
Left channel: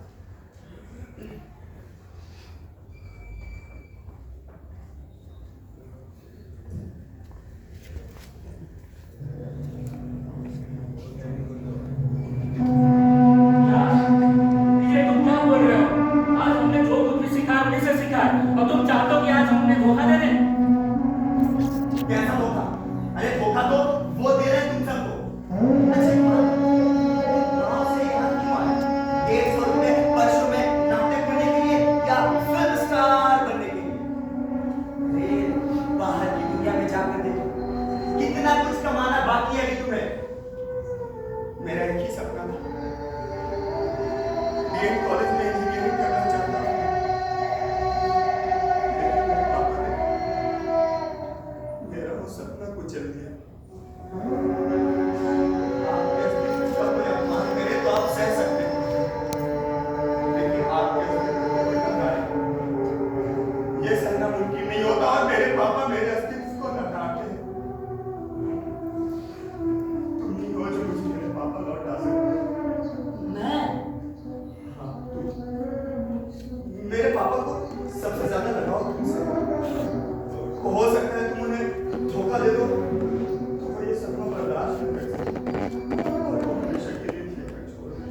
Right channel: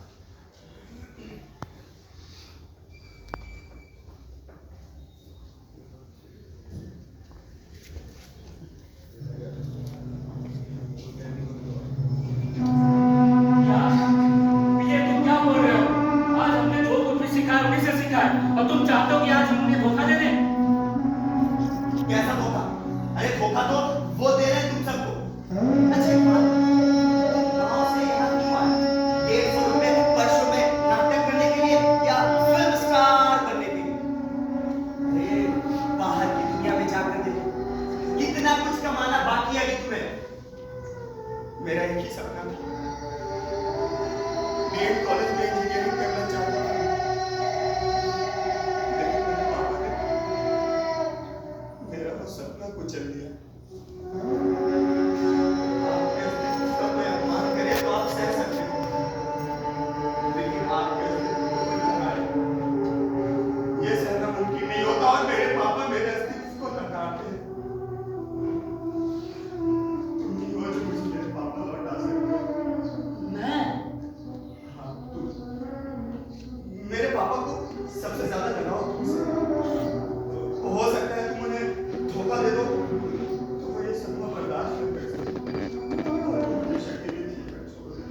ये तुम क्या बोल रहे हो? आज हमने जो कुछ भी सीखा है उन्हीं से सीखा है, और तुम चाहते हो कि आज हम उन्हें धोखा दे दें? कैसा धोखा? अरे धोखा तो वो दे रहे हैं तुम सबको। अच्छा एक बात, गाँव से यहाँ क्यों आए? 150 रुपए वर्षों में नाटक करने के लिए या फिल्म स्टार बनने के लिए? अरे बाहर की दुनिया में जाकर देखो, कितना कुछ कमाना बाकी है अभी तुम्हें। मेरा एक ही सपना था, बीएड कॉलेज में इंजीनियरिंग करना चाहता था, लेकिन मेरे पापा ने मेरा वो सपना कुचल दिया। आपके अस्तित्व का कोई अपमान करे तो आप सह सकते हो, लेकिन आपके अस्तित्व को कोई नकारे, ये सहना मुमकिन नहीं होता। और मेरे पापा मेरे अस्तित्व को नकारते हैं। तुम ही हो जो मुझे मेरे पापा लौटा सकते हो। मैं? हाँ, मेरे पापा को सबसे ज्यादा लगाव तुमसे। हो सकता है तुम उन्हें धोखा दे दो तो वो ये सपना बर्दाश्त न कर सके और तुम हमेशा के लिए जीकर छोड़ दे।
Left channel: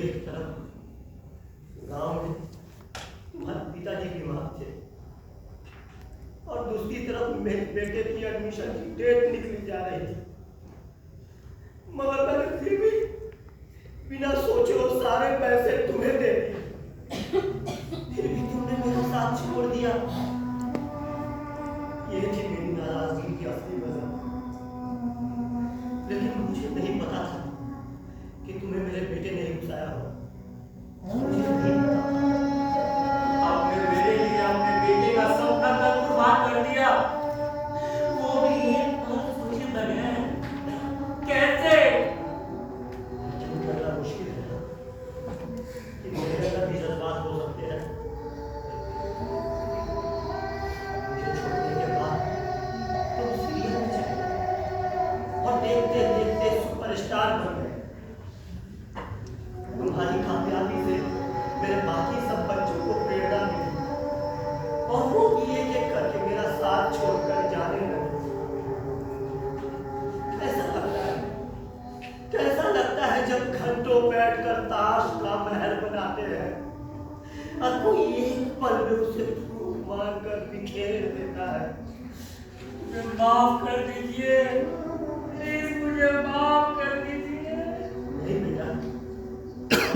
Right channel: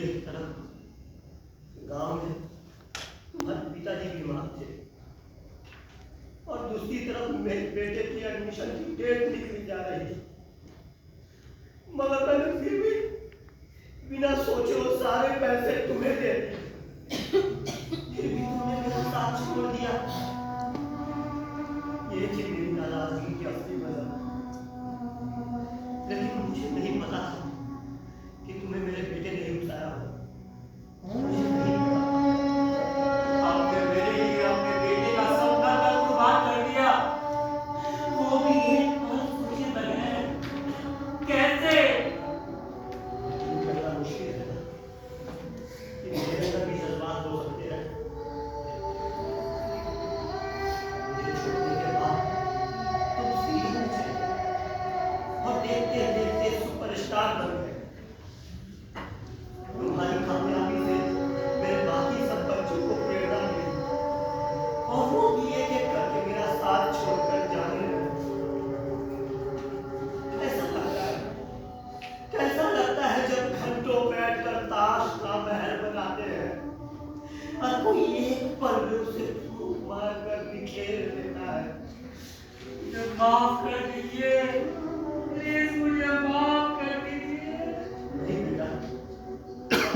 एक तरफ गांव में तुम्हारे पिताजी बीमार थे और दूसरी तरफ मेरे बेटे की एडमिशन की डेट निकली जा रही थी, मगर मैंने फिर भी बिना सोचे वो सारे पैसे तुम्हें दे दिए। फिर भी तुमने मेरा साथ छोड़ दिया। ये थी मेरी नाराजगी की असली वजह, लेकिन मुझे नहीं पता था कि तुम्हें मेरे बेटे ने ही बुलाया हो। मुझे नहीं पता। आपने मेरे लिए अपने बेटे का सपना तक कुर्बान कर दिया, वो भी एक खुशी बगैर। कैसे? करना मुश्किल है ना, कि मेरे अंदर भी जज्बात हो सकते हैं। मुझे छोड़ने के बाद तुम सीरीज में चले और देखते देखते सुपरस्टार बन गए। तुम्हारी कामयाबी से मेरे बाकी सब बच्चों को प्रेरणा मिली और वो भी एक एक करके मेरा साथ छोड़कर जाने लगे। कैसा लगता है जब घंटों बैठकर ताश का महल बनाते हैं और कोई एक पल्लू से फूंक मारकर बिखेर देता है। मुझे माफ कर दीजिए, प्लीज मुझे माफ कर दीजिए। नहीं बेटा,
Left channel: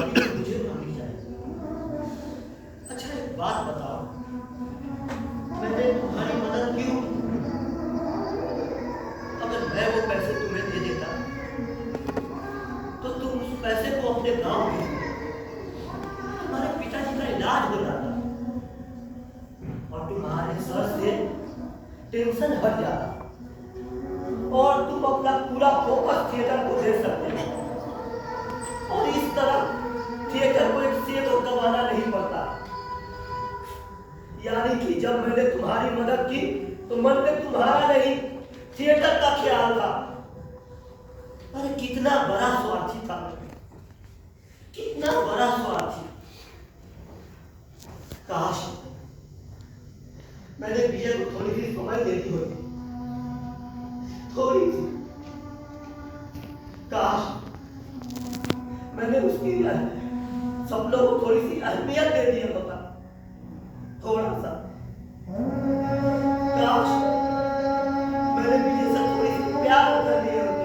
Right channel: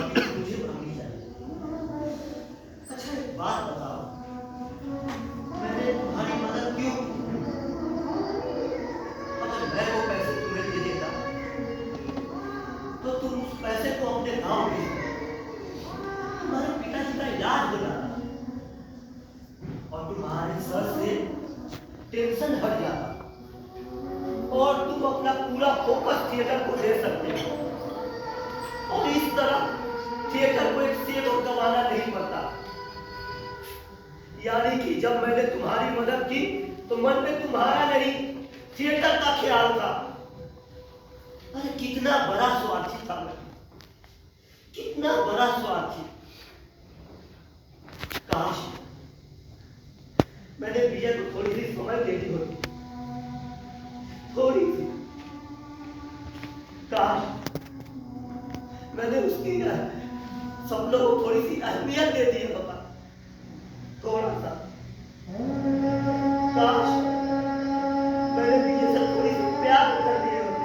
अभी मुझे माफी चाहिए। अच्छा एक बात बताओ, मैंने तुम्हारी मदद क्यों की? अगर मैं वो पैसे तुम्हें दे देता तो तुम उस पैसे को अपने गांव में तुम्हारे पिताजी का इलाज हो जाता और तुम्हारे सर से टेंशन हट जाता और तुम अपना पूरा फोकस थिएटर को दे सकते हो और इस तरह थिएटर को एक सेवक गंवाना नहीं पड़ता। यानी कि जब मैंने तुम्हारी मदद की तो मन में तुम्हारा नहीं थिएटर का ख्याल था। अरे कितना बड़ा स्वार्थी था मैं, कितना बड़ा स्वार्थी। काश मैंने विजय को थोड़ी सी समझ दे दी होती, थोड़ी सी। काश मैंने उसकी सपनों को थोड़ी सी अहमियत दे दी होता, थोड़ा सा। काश मैंने विजय से थोड़ी सी प्यार कर दिए होते।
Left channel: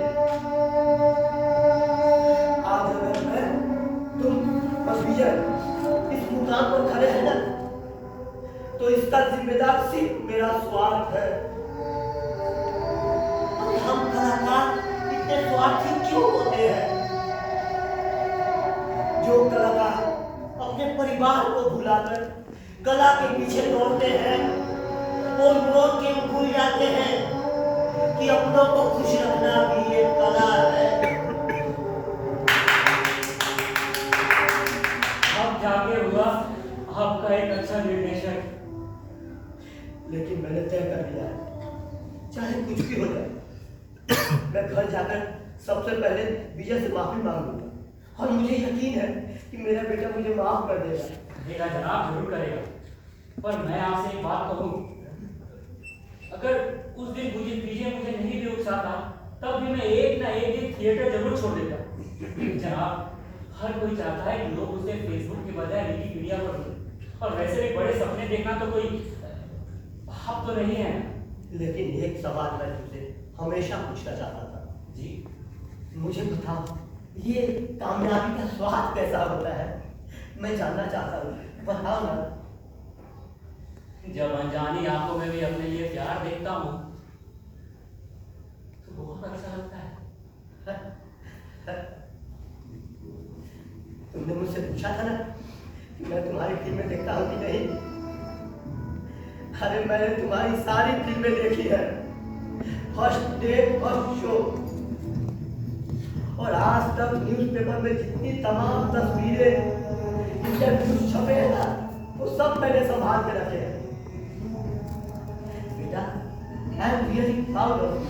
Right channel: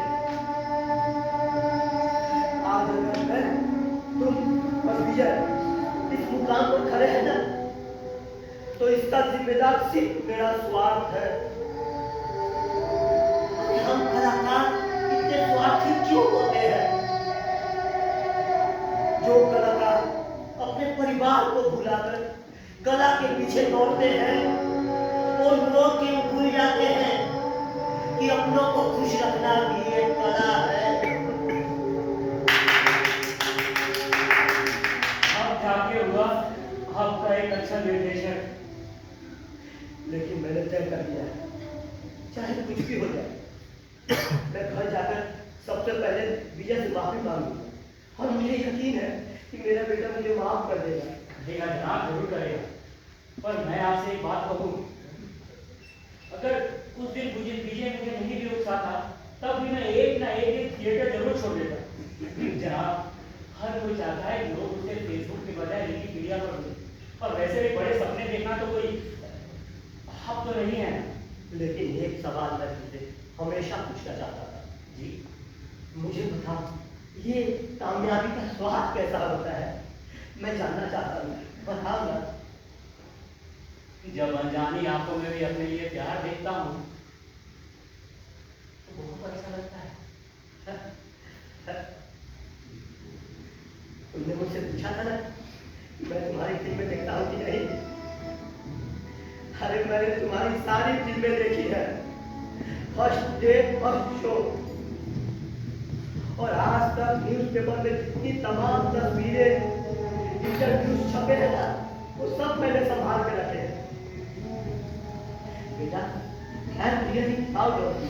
जिम्मेदार सिर्फ मेरा स्वार्थ है। अरे हम कलाकार इतने स्वार्थी क्यों होते हैं? जो कलाकार अपने परिवार को भुलाकर कला के पीछे दौड़ते हैं, वो लोग क्यों भूल जाते हैं कि अपनों को खुश रखना भी एक कला है। अब जाके हुआ आपका एक अच्छा निर्देशक। लेकिन मैंने तय कर दिया है, चाहे कुछ भी हो जाए, मैं घर जाकर सबसे पहले विजय से माफी मांगूंगा और मुझे यकीन है कि मेरा बेटा मुझे माफ कर देगा। करेगा जनाब, जरूर करेगा। पर मैं आपसे एक बात कहूँ, अगर उस दिन मुझे नहीं भी उकसाता, तब भी मैं एक ना एक दिन थिएटर जरूर छोड़ देता। जनाब, हर कोई चाहता है कि लोग उसे फेसबुक के बजाय विकिपीडिया पर दें, और वैसे भी बड़े सपने देखना तो कोई हक तो नहीं है। लेकिन एक सवाल मैं तुझसे हमेशा पूछना चाहता था। जी, मुझे बताओ, ये कामयाबी का स्वाद कैसा होता है? मैं जानना चाहता हूँ, बताओ ना। जब अनजानी आंखों में भी अपने लिए प्यार देखता हूँ तो बहुत अच्छा लगता है। तुमने मुझसे पूछा था ना कि मैं तुम्हारी फिल्में देखता हूँ कि नहीं? अरे मैंने तुम्हारी सारी फिल्में देखी है, फर्स्ट डे फर्स्ट शो। और आज तक न्यूज़पेपर में जितनी तमाम तस्वीरें, इंटरव्यूज छपे हैं ना, वो सब मैंने संभाल के रखे हैं। बेटा, I am really proud of you.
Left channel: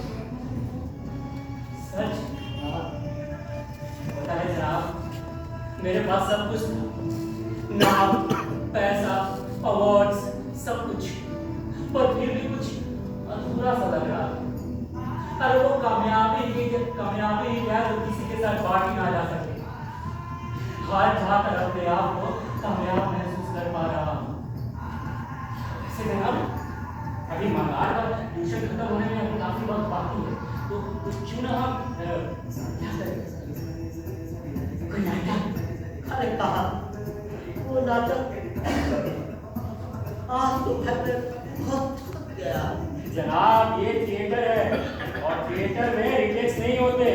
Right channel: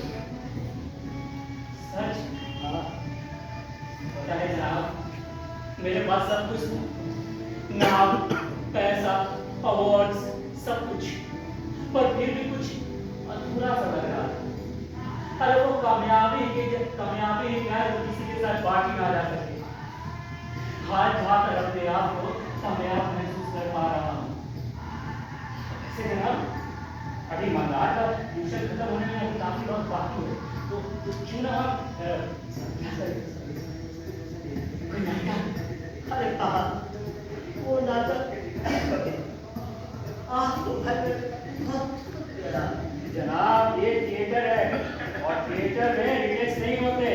सच? हाँ, पता है जनाब, मेरे पास सब कुछ था, नाम, पैसा, अवार्ड्स, सब कुछ, पर फिर भी कुछ अधूरा सा लग रहा। अरे वो कामयाबी ही क्या जो किसी के साथ बांटी ना जा सके। हाथ कर अपने आप को कामयाब महसूस कर पा रहा हूँ। वैसे जनाब, अभी मंगल का ट्यूशन खत्म होने में अभी काफी वक्त बाकी है, तो क्यों ना हम क्या करें? कोई नाटक? अरे कहा वो नाटक आज तो घर बहुत थक गया। जनाब, ये थिएटर है और थिएटर में रिजेक्ट नहीं होते।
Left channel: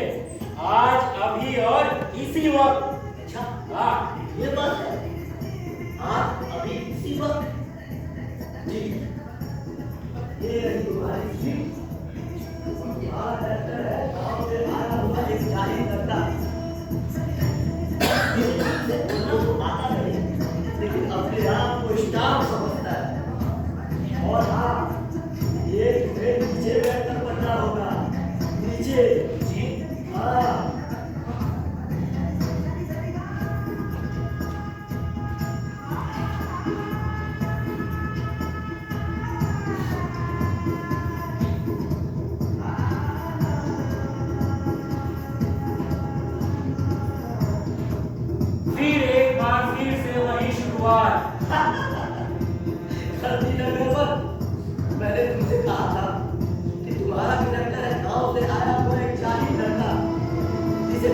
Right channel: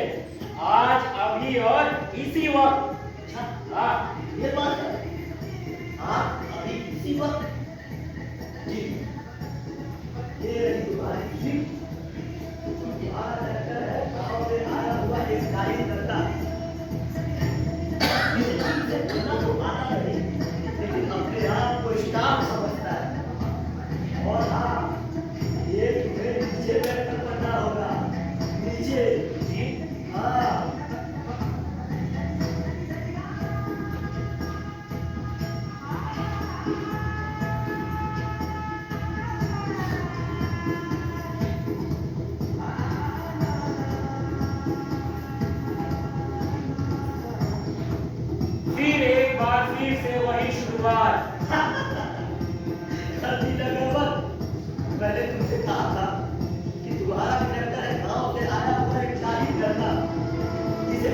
आज, अभी और इसी वक्त। अच्छा, हाँ, ये बात है। आप अभी इसी वक्त जी, ये रही तुम्हारी सीट। तुम्हारा करेक्टर है गाँव से आया हुआ एक जाहिर करता। ये ढंग से बोलना तो आता नहीं, लेकिन अपने आप को स्टार समझता है। और हाँ, ये तुम्हें नीचे बैठकर पढ़ना होगा, नीचे। जी, हाँ, फिर एक बार फिर से वही शुरुआत। सर्दी लगने पर मैंने तुमसे कहा था कि तुम्हारा करेक्टर है गांव से आया हुआ एक जाहिर लड़का जिसे